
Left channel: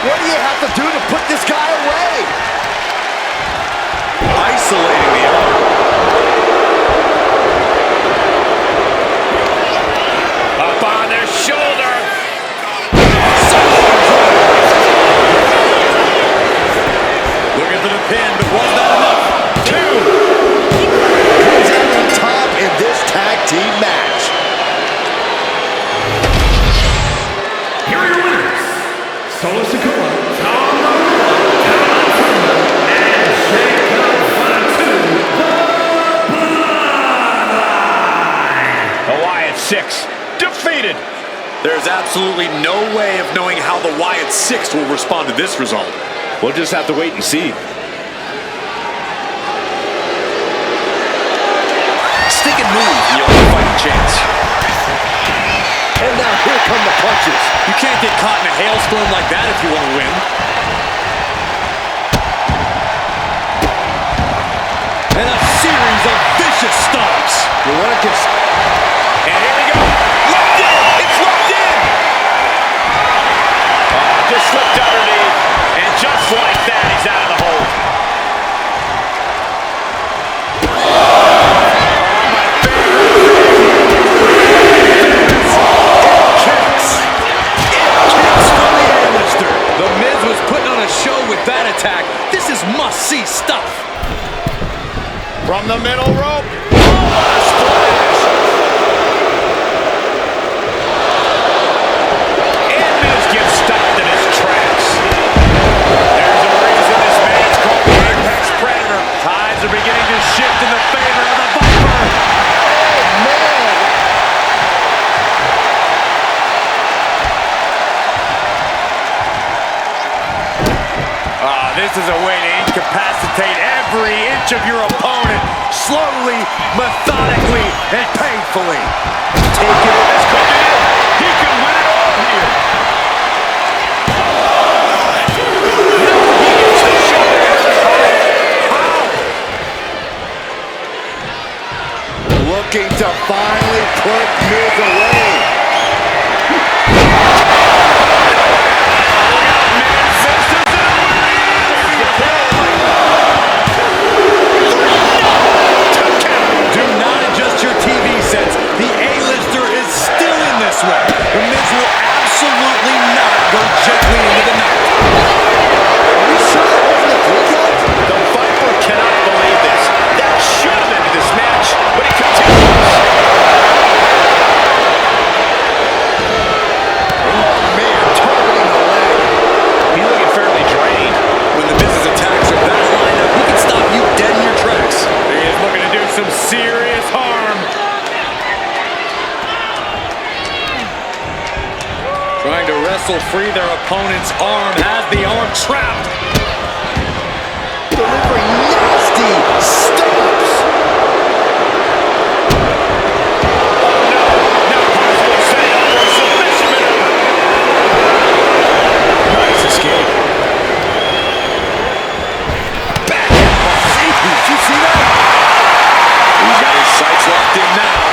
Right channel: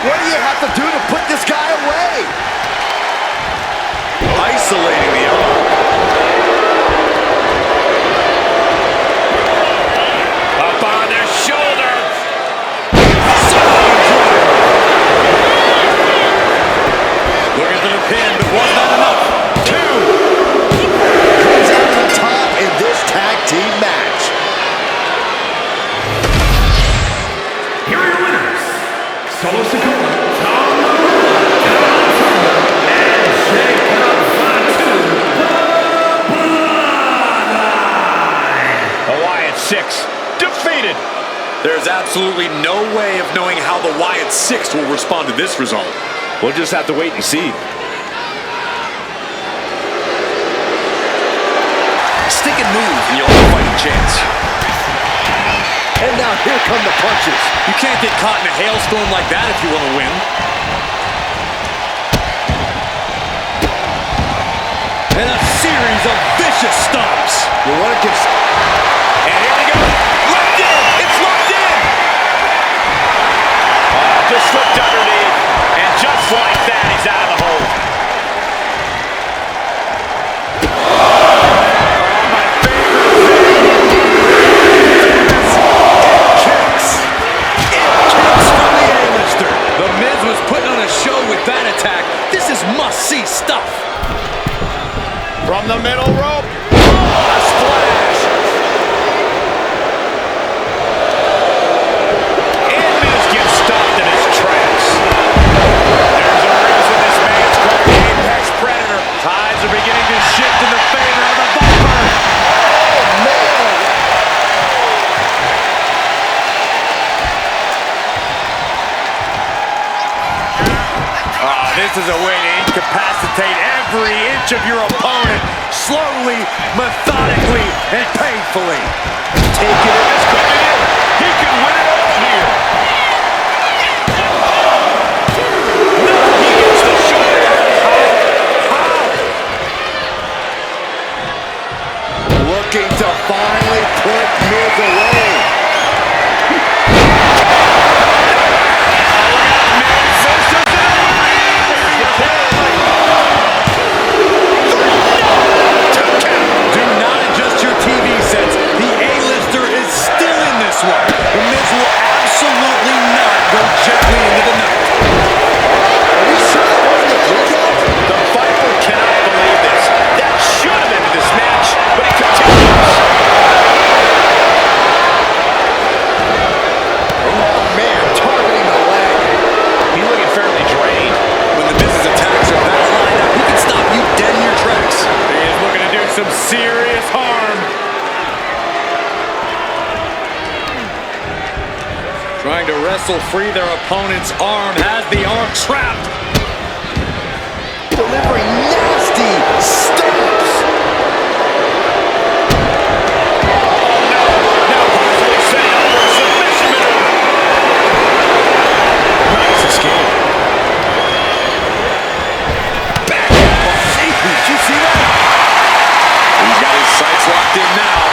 What do you have to do to put this guy away? Isolating the arm. Up on their shoulder. Looking for the pin, but was that enough? Two. Comes out on top in this tag team match. Here are your winners. Solo Sikoa, Tom Norella, Talon Turner, and Jacob Fatu, the Bloodline. The Wyatt Six defeated. There's absolutely no way of knowing how the Wyatt Six will respond to this result. We'll just have to wait and see. Stick and move, and you'll have a fighting chance. And now here come the punches. You can't get caught in a hailstorm like that if you want to win. And a series of vicious stomps. You want to give... And here we go. Locked in. It's locked in. Just slipped underneath. And just like that, he's out of the hold. Oh, my favorite thing. It kicks. It kicks from the A-lister. The Miz was putting on a show with that attack. This is must-see stuff. From the middle rope. Oh, what a splash. And Miz gets stopped in his tracks. There's a reason this man's called the Apex Predator. Tides are beginning to shift in the favor of the Viper. Oh, man. This is a way to incapacitate every inch of your opponent, slowly, methodically, and painfully. Take it in. This could be it. He can win it all here. No, he gets the shoulder. How? Looking to finally put Miz away. The A-lister is still in this one. The Miz will absolutely not go gently into the night. Are we sure that wasn't a three count? The Viper cannot believe this. That should have ended this match, but it continues. Oh, man, targeting the leg. He's looking fairly drained. When the Miz's attacks are that lined up, he can stop you dead in your tracks. He is looking to do some serious harm. Trying to wrestle free their opponent's arm, has the arm trapped. Delivering nasty stomps. Oh no, now possibly setting up for a submission maneuver. Nice escape. Back at him. Did you see that? He's got his sights locked in now.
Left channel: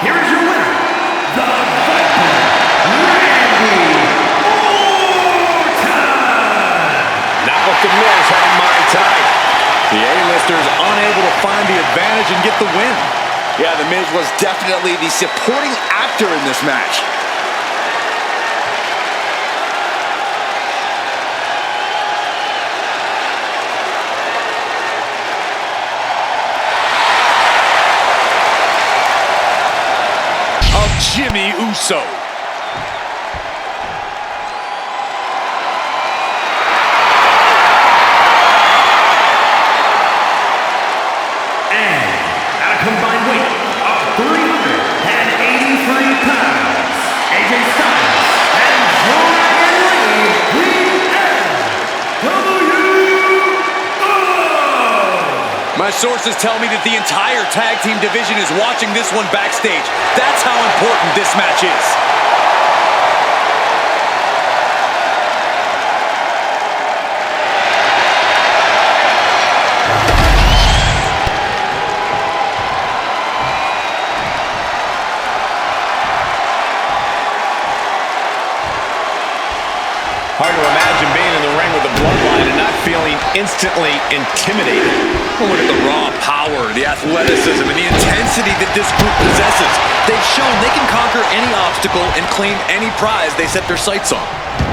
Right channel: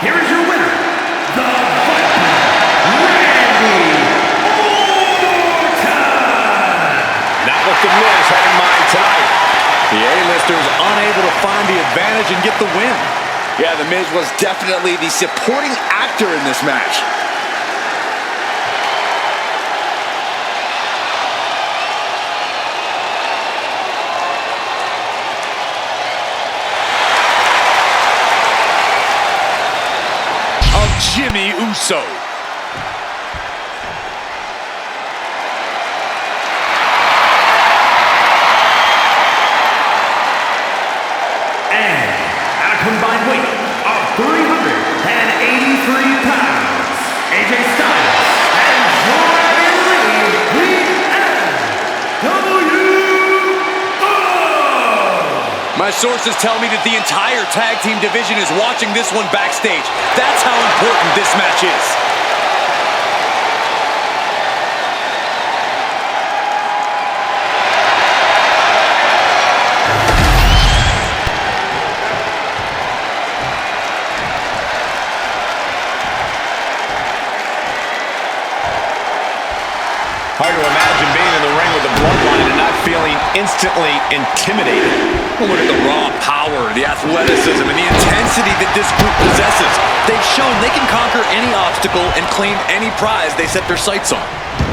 Here is your winner, the Viper, Randy Orton! Not what the Miz had in mind tonight. The A-lister is unable to find the advantage and get the win. Yeah, The Miz was definitely the supporting actor in this match. Jimmy Uso. And at a combined weight of 383 pounds, AJ Styles and Dragon Lee, the NWO! My sources tell me that the entire tag team division is watching this one backstage. That's how important this match is. Hard to imagine being in the ring with the Bloodline and not feeling instantly intimidated. Well, look at the raw power, the athleticism, and the intensity that this group possesses. They've shown they can conquer any obstacle and claim any prize they set their sights on.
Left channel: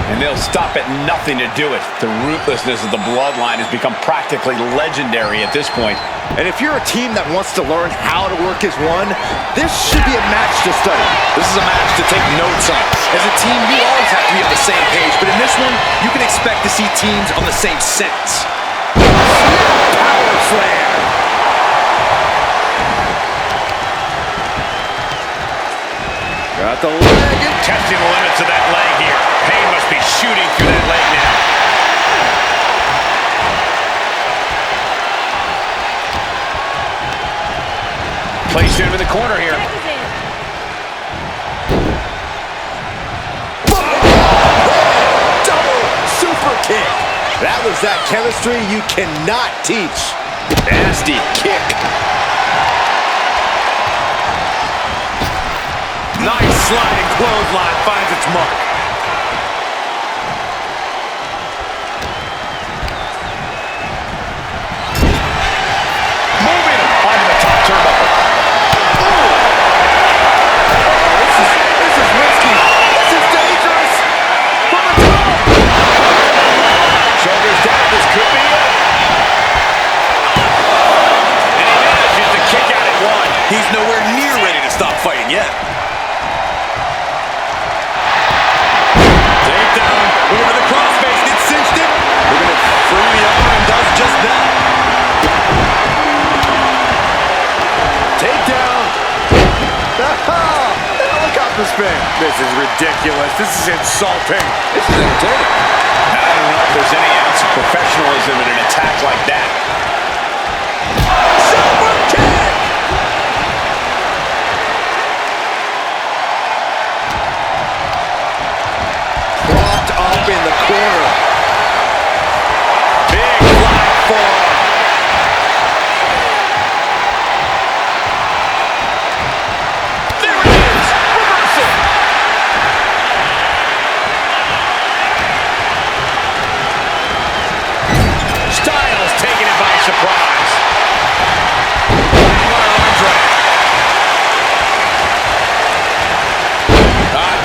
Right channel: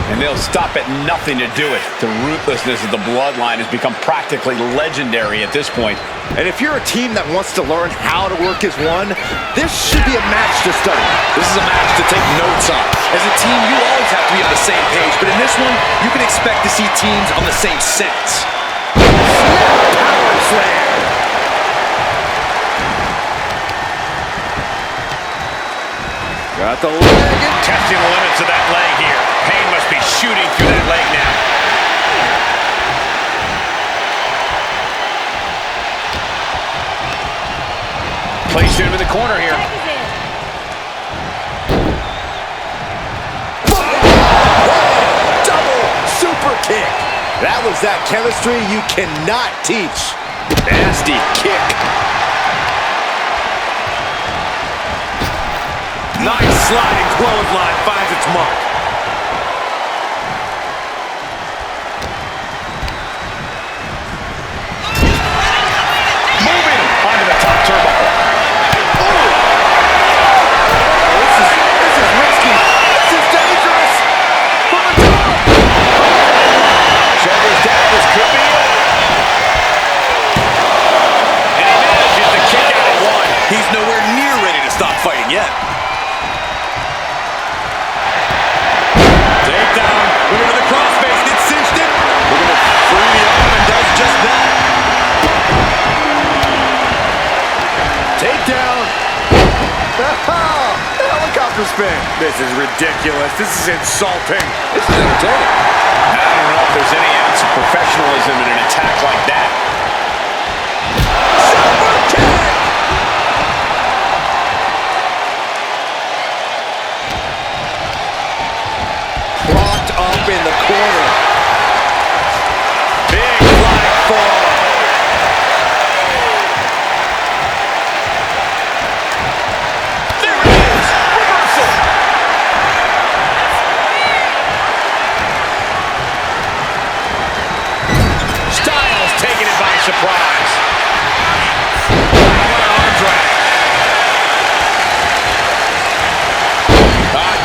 And they'll stop at nothing to do it. The ruthlessness of the Bloodline has become practically legendary at this point. And if you're a team that wants to learn how to work as one, this should be a match to study. This is a match to take notes on. As a team, you always have to be on the same page, but in this one, you can expect to see teams on the same sense. Power slam. Got the leg. Testing the limits of that leg here. Pain must be shooting through that leg now. Placing him in the corner here. Double super kick. That was that chemistry you cannot teach. Nasty kick. Nice sliding clothesline finds its mark. Moving onto the top turnbuckle. Oh, this is risky. This is dangerous. From the top. Shoulders down. This could be it. And he manages to kick out at one. He's nowhere near ready to stop fighting yet. Takedown. Looking for the crossface. Gets cinched it. Looking to free the arm and does just that. Takedown. The helicopter spin. This is ridiculous. This is insulting. This is entertaining. I don't know if there's any ounce of professionalism in an attack like that. Super kick. Propped up in the corner. Big flying forearm. There it is. Reversal. Styles taking it by surprise. Wow, what an arm drag.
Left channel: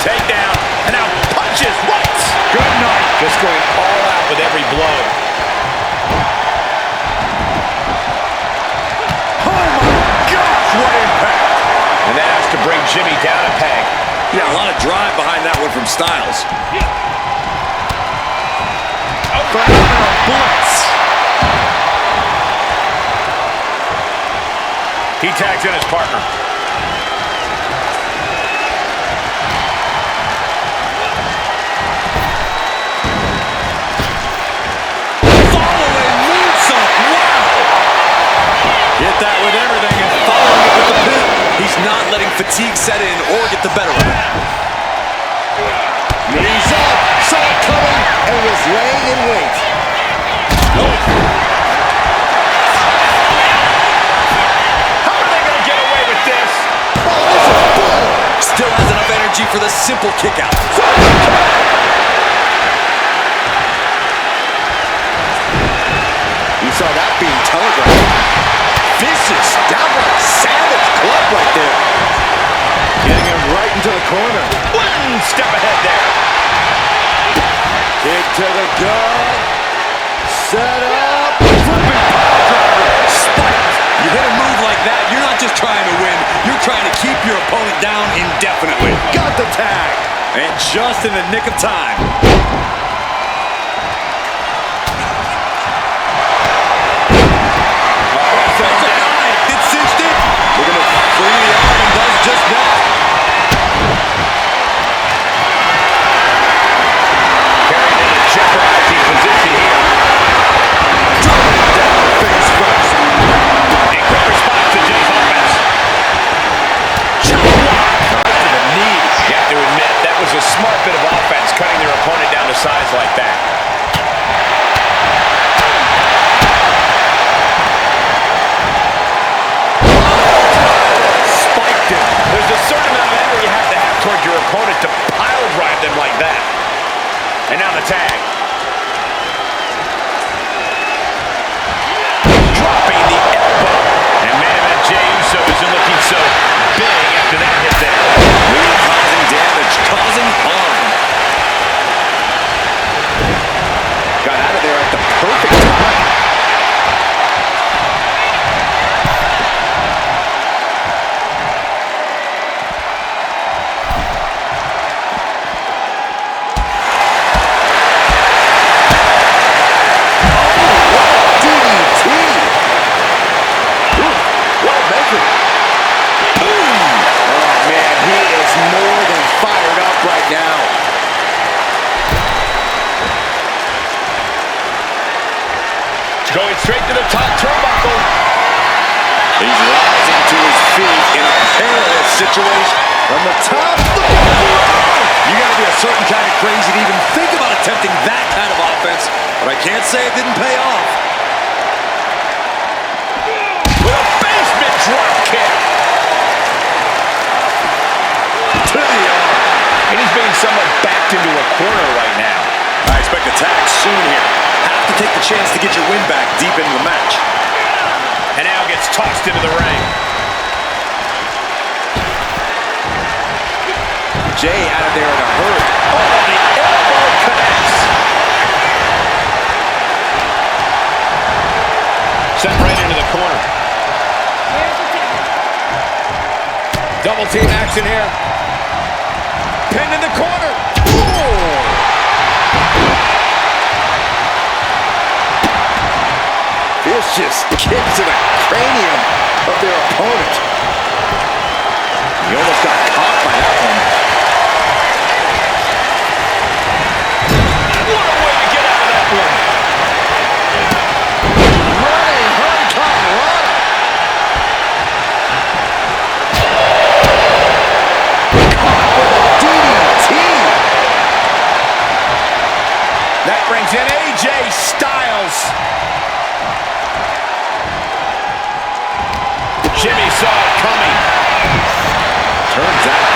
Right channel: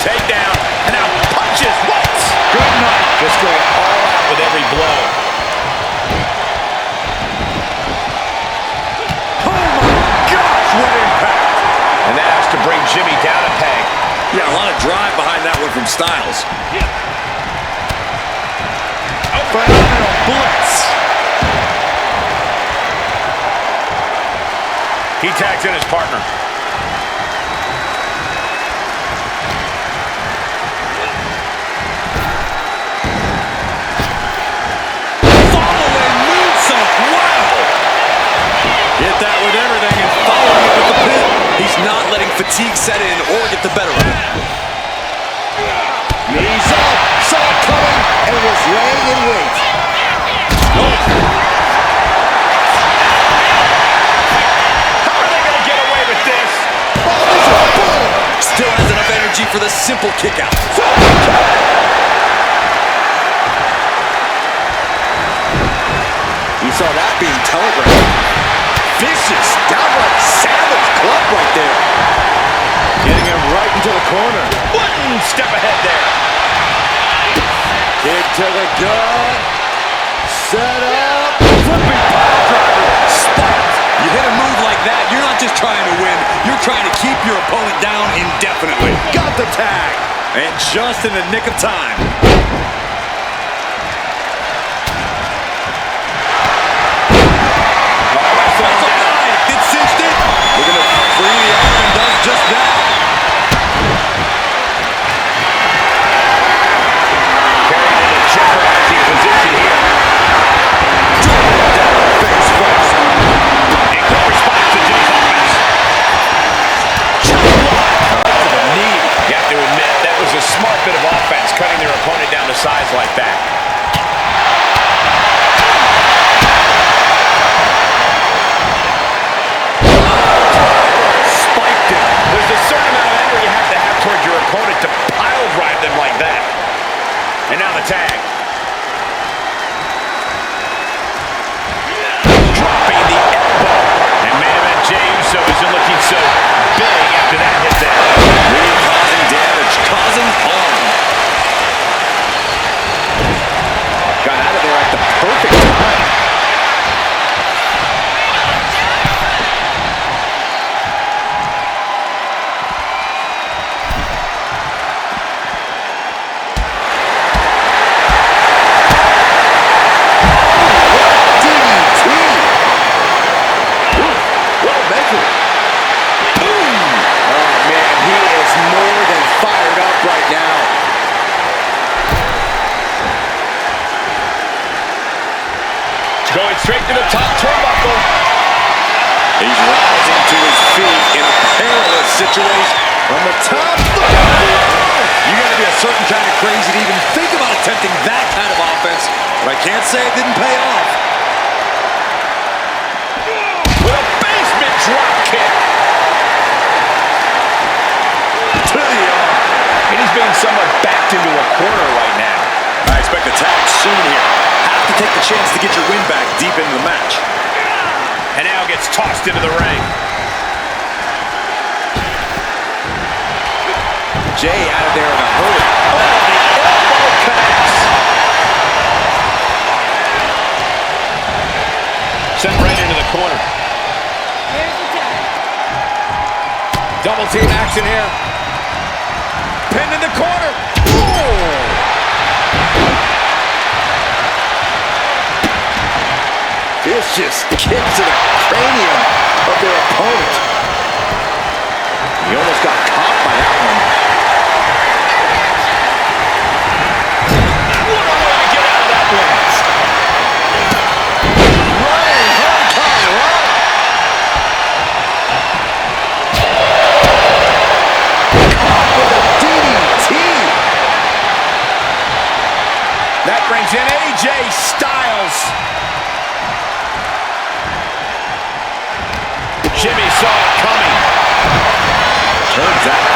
Takedown. And now punches. What? Good night. Just going all out with every blow. Oh my gosh, what impact. And that has to bring Jimmy down a peg. Yeah, a lot of drive behind that one from Styles. Phenomenal blitz. He tags in his partner. Following moonsault. Wow. Hit that with everything and following it with the pin. He's not letting fatigue set in or get the better of it. Knees up. Saw it coming and was laying in wait. How are they going to get away with this? Oh, this is bull. Still has enough energy for the simple kick out. You saw that being telegraphed. Vicious, downright savage club right there. Getting him right into the corner. One step ahead there. Kick to the gut. Set up. Flipping pile driver. Spiked. You hit a move like that, you're not just trying to win, you're trying to keep your opponent down indefinitely. Got the tag. And just in the nick of time. That's a line. Gets cinched it. Looking to free the arm and does just that. Carried in a jeopardizing position here. Driven down face first. A quick response to Jay's offense. Chop block. Right to the knee. You have to admit, that was a smart bit of offense, cutting their opponent down to size like that. Spiked him. There's a certain amount of anger you have to have towards your opponent to pile drive them like that. And now the tag. Dropping the elbow. And main event Jey Uso isn't looking so big after that hit there. Really causing damage, causing harm. Got out of there at the perfect time. Right now. Going straight to the top turnbuckle. He's rising to his feet in a perilous situation. From the top, look out below! You gotta be a certain kind of crazy to even think about attempting that kind of offense, but I can't say it didn't pay off. With a basement drop kick. To the arm. And he's being somewhat backed into a corner right now. I expect a tag soon here. Have to take the chance to get your win back deep into the match. And now gets tossed into the ring. Jay out of there in a hurry. Oh, the elbow connects. Sent right into the corner. Here's the tag. Double team action here. Pinned in the corner. Ooh. Vicious kicks to the cranium of their opponent. He almost got caught by that one. What a way to get out of that one. Running Hurricane Rana. Caught with a DDT. That brings in AJ Styles. Jimmy saw it coming. Turns out.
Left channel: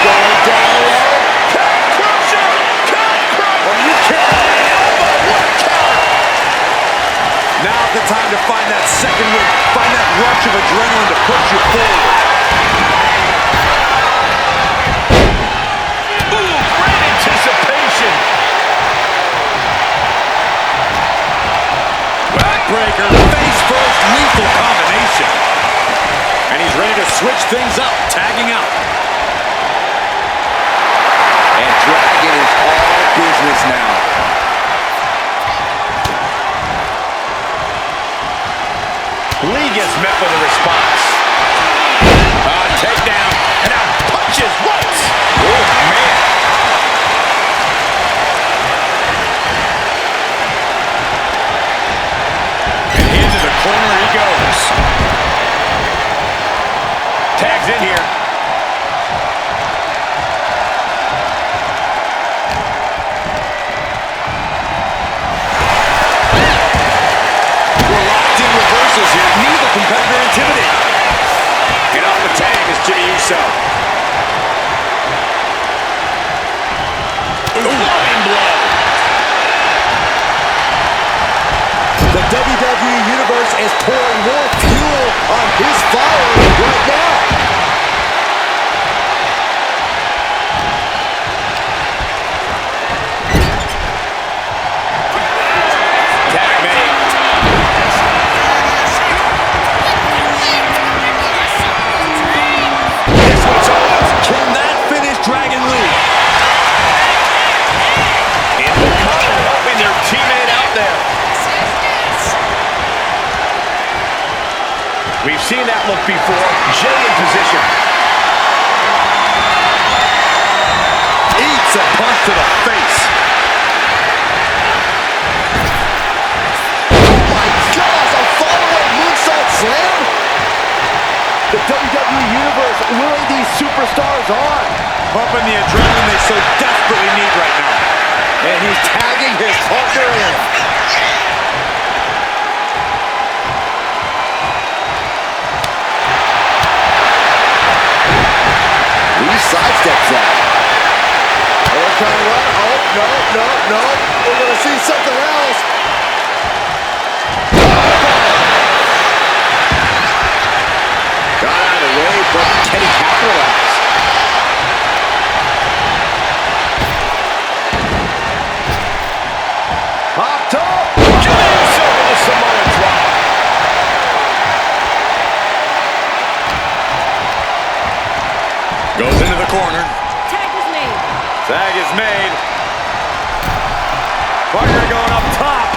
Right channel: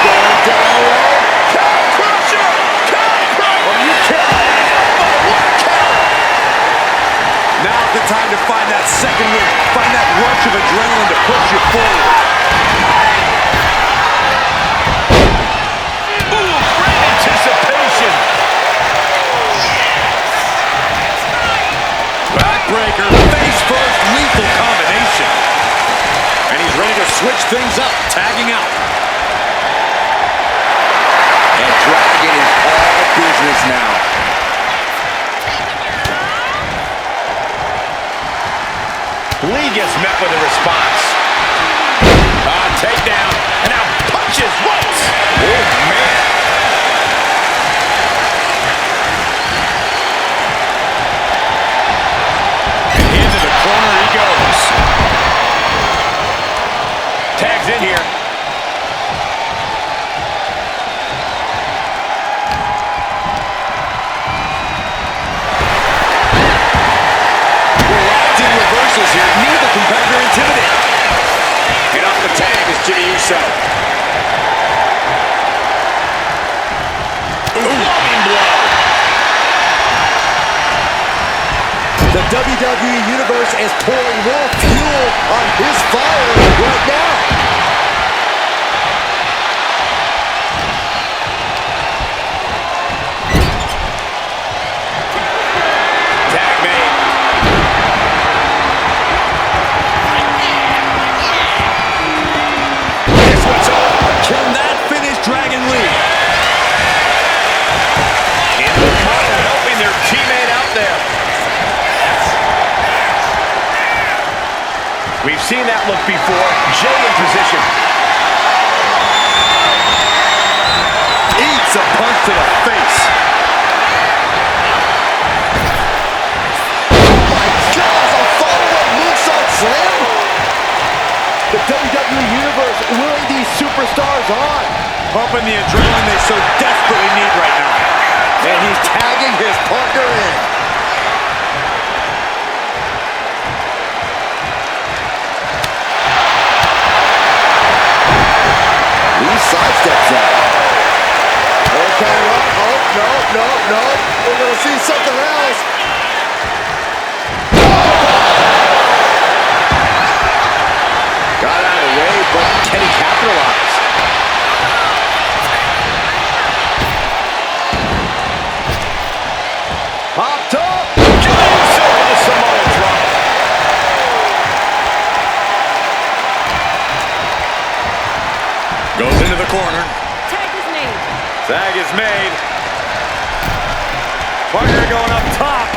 Going down low. Cow crusher! Cow crusher! Oh, you can't. Elbow, what a counter! Now's the time to find that second win. Find that rush of adrenaline to push you forward. Ooh, great anticipation. Backbreaker, face first, lethal combination. And he's ready to switch things up, tagging out. And Dragon is all business now. Lee gets met with a response. Takedown, and now punches once. Oh, man. And into the corner he goes. Tags in here. We're locked in reversals here. Neither competitor intimidated. And off the tag is Jimmy Uso. Loving blow. The WWE Universe is pouring more fuel on his fire right now. Tag made. This one's over. Can that finish Dragon Lee? Into the corner, helping their teammate out there. We've seen that look before. Jay in position. Eats a punch to the face. Oh my gosh, a follow-up moonsault slam? The WWE Universe willing these superstars on. Pumping the adrenaline they so desperately need right now. And he's tagging his partner in. Lee sidesteps that. Hurricane Run. Oh, no. We're going to see something else. Got out of the way, but can he capitalize? Popped up. Jimmy Uso with a Samoa drop. Goes into the corner. Tag is made. Tag is made. Partner going up top.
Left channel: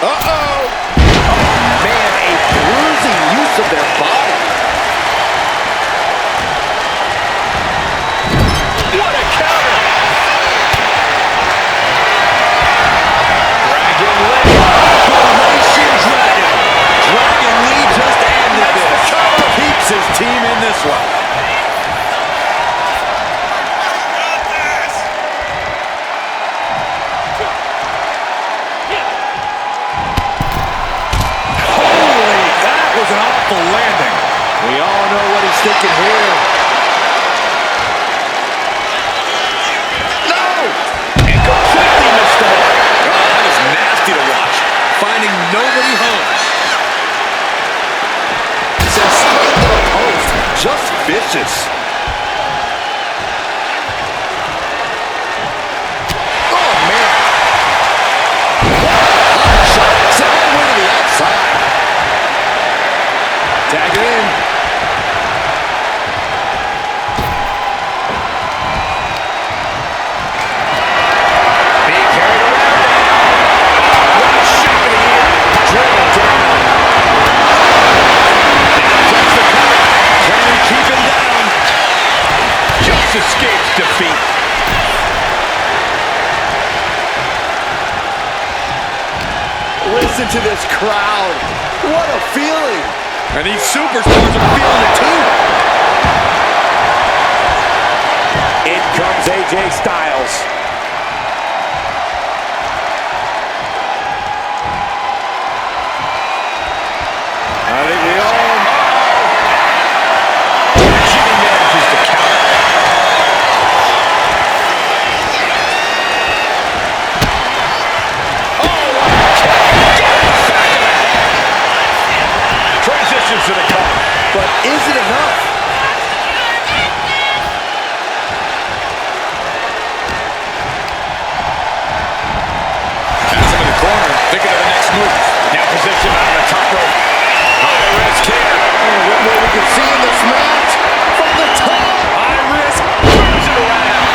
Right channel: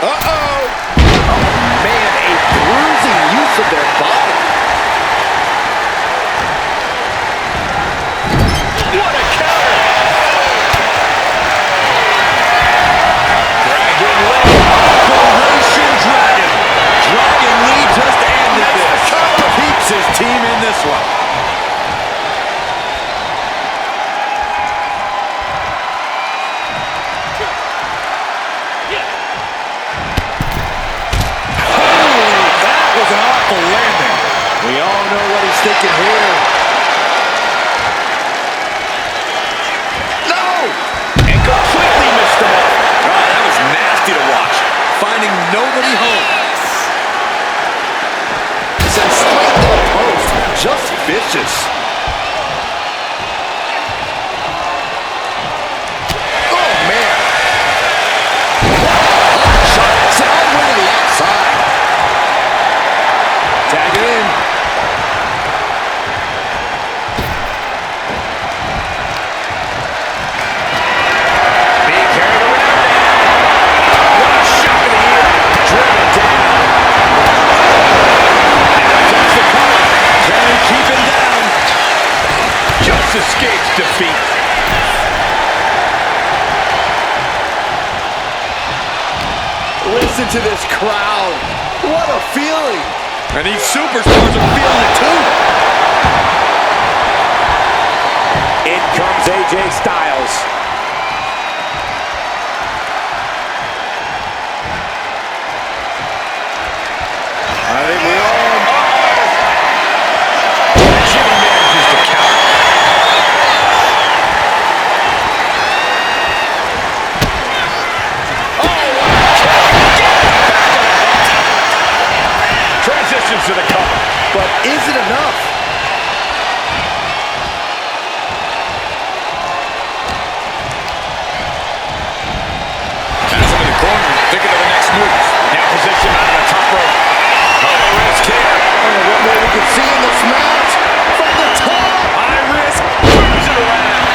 Uh-oh. Oh, man, a bruising use of their body. What a counter! Dragon Lee. Operation this one. Holy, that was an awful landing. We all know what he's thinking here. No! And completely missed the mark. Oh, that was nasty to watch. Finding nobody home. Sent straight to the post. Just vicious. Oh, man. Hot shot. It's all the way to the outside. Tag it in. Being carried around now. Oh, what a shock of the year. Driven down. Now attempts to cover. Can he keep him down? Just escapes defeat. Listen to this crowd. What a feeling. And these superstars are feeling it too. In comes AJ Styles. I think we all... Jimmy manages to counter. Oh, what a kick. Get in the back of the head. Transitions to the cover. But is it enough? Has him in the corner, thinking of the next move. Now positioned on the top rope. High risk here. Oh, what more we can see in this match? From the top! High risk. Turns it around.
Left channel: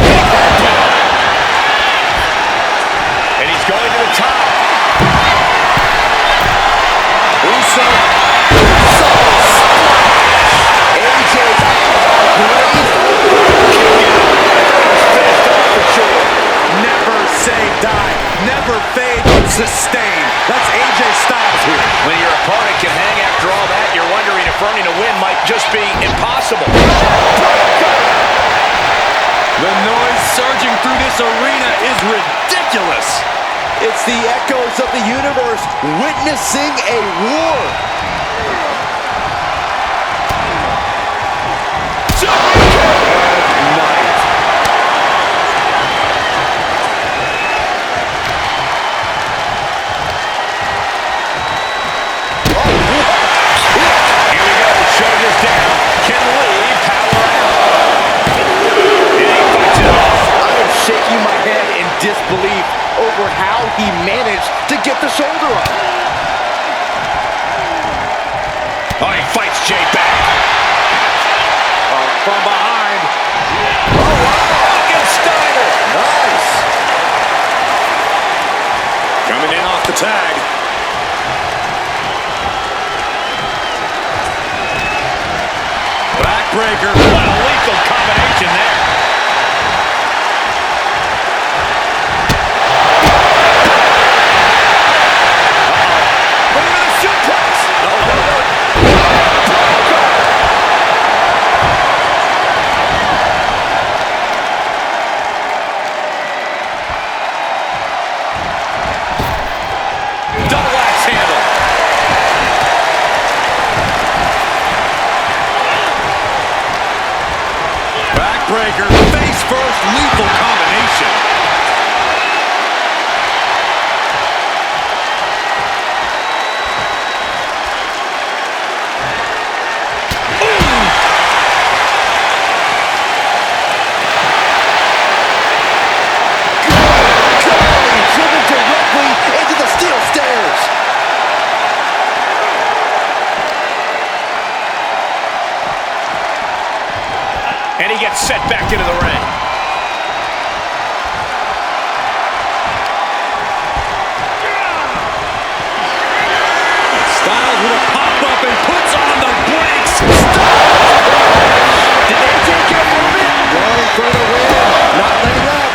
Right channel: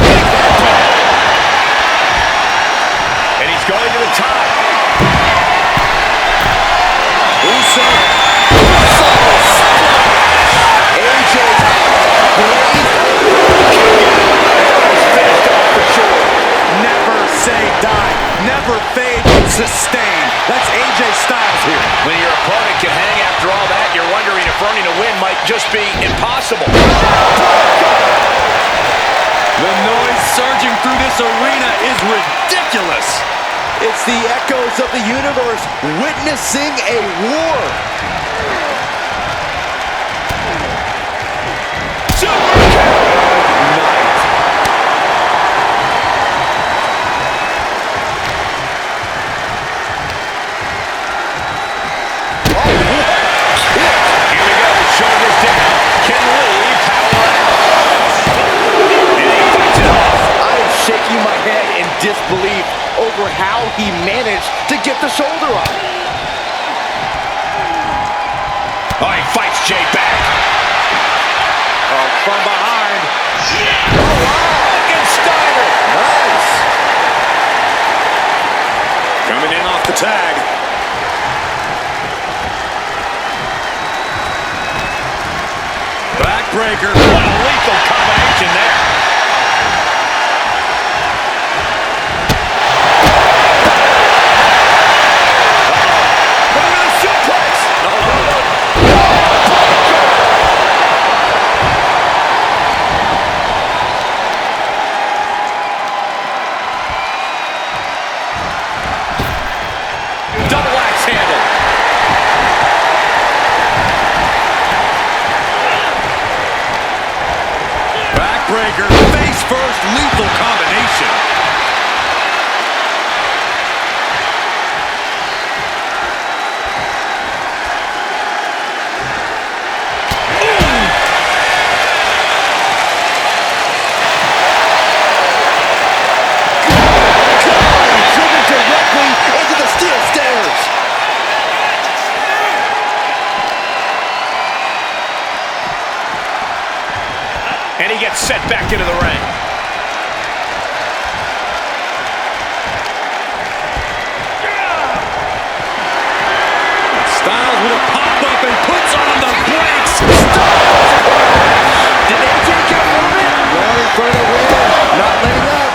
Big head drop. And he's going to the top. Uso. Uso splash. AJ's eyes are glazed over. He's finished off for sure. Never say die. Never fade, but sustain. That's AJ Styles here. When your opponent can hang after all that, you're wondering if earning a win might just be impossible. The noise surging through this arena is ridiculous. It's the echoes of the universe witnessing a war. Good night. Oh, what a kick. Here we go. Shoulders down. Can Lee power out? And he fights it off. I am shaking my head in disbelief over how he managed to get the shoulder up. Oh, he fights Jay back. Oh, from behind. Oh, wow. Against Steiner. Nice. Coming in off the tag. Backbreaker. What a lethal combination there. Look at the suplex. Double axe handle. Backbreaker. Face first. Lethal combination. Golly, driven directly into the steel stairs. And he gets set back into the ring. Styles with a pop-up and puts on the brakes. Did AJ get a hold of it? Going for the win. Not letting up.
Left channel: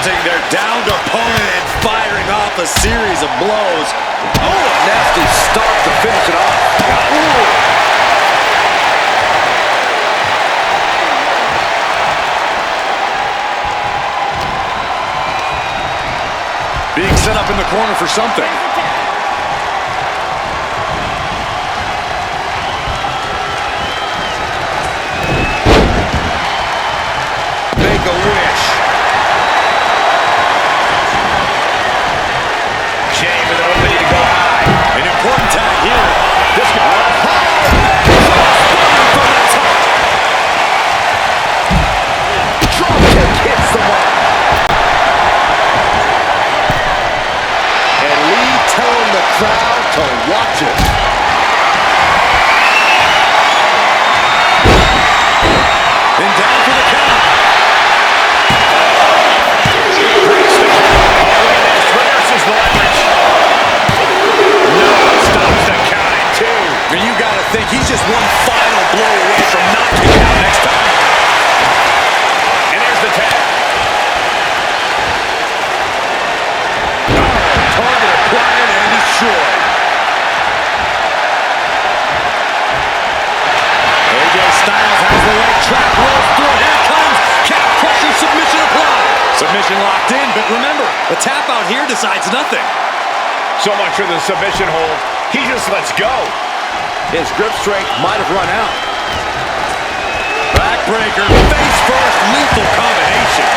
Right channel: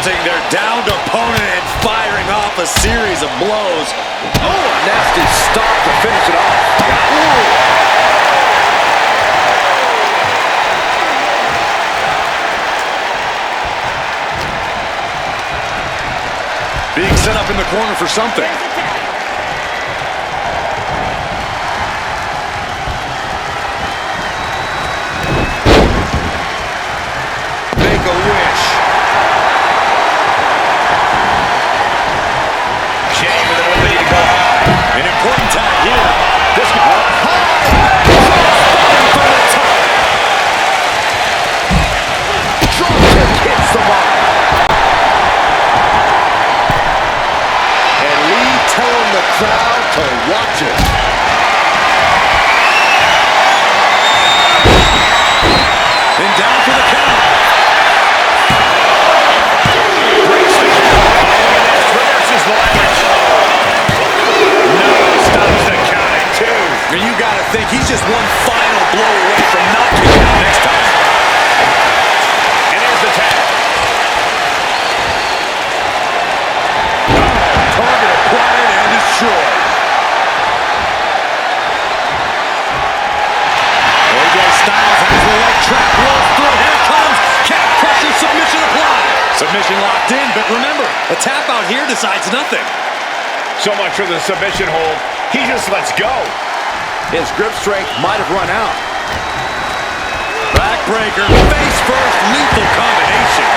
mounting their downed opponent and firing off a series of blows. Oh, a nasty stop to finish it off. Ooh. Being set up in the corner for something. Here's the tag. Make a wish. Jay with an opening to go high. An important tag here. This could Up high. Crossbody from the top. Drop kick hits the mark. And Lee telling the crowd to watch it. And down for the count. breaks the count. Oh, look at this. Reverses the leverage. No, stops the count at 2. And you got to think he's just one final blow away from knocking out next time. And there's the tag. Target acquired and destroyed. AJ Styles has the leg trap, rolls through. Here it comes. Calf crusher submission applied. Submission locked in, but remember, a tap out here decides nothing. So much for the submission hold. He just lets go. His grip strength might have run out. Backbreaker, face first, lethal combination.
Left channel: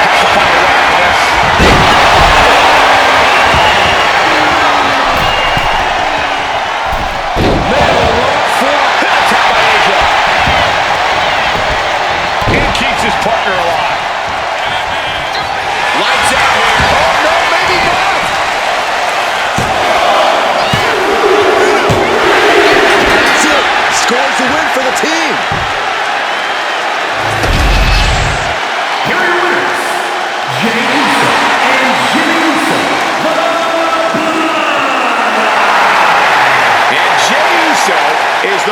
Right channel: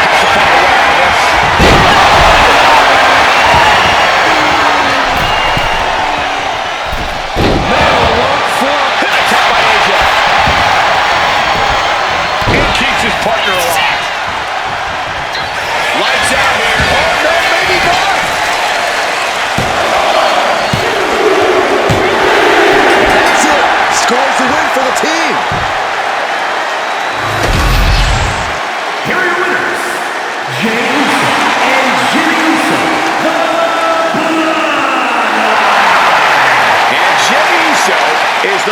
Has to find a way out of this. Man alone for an attack by AJ. And keeps his partner alive. Lights out here. Oh, no, maybe not. And that's it. Scores the win for the team. Here are your winners, Jey Uso and Jimmy Uso, the Bloodline. And Jey Uso is the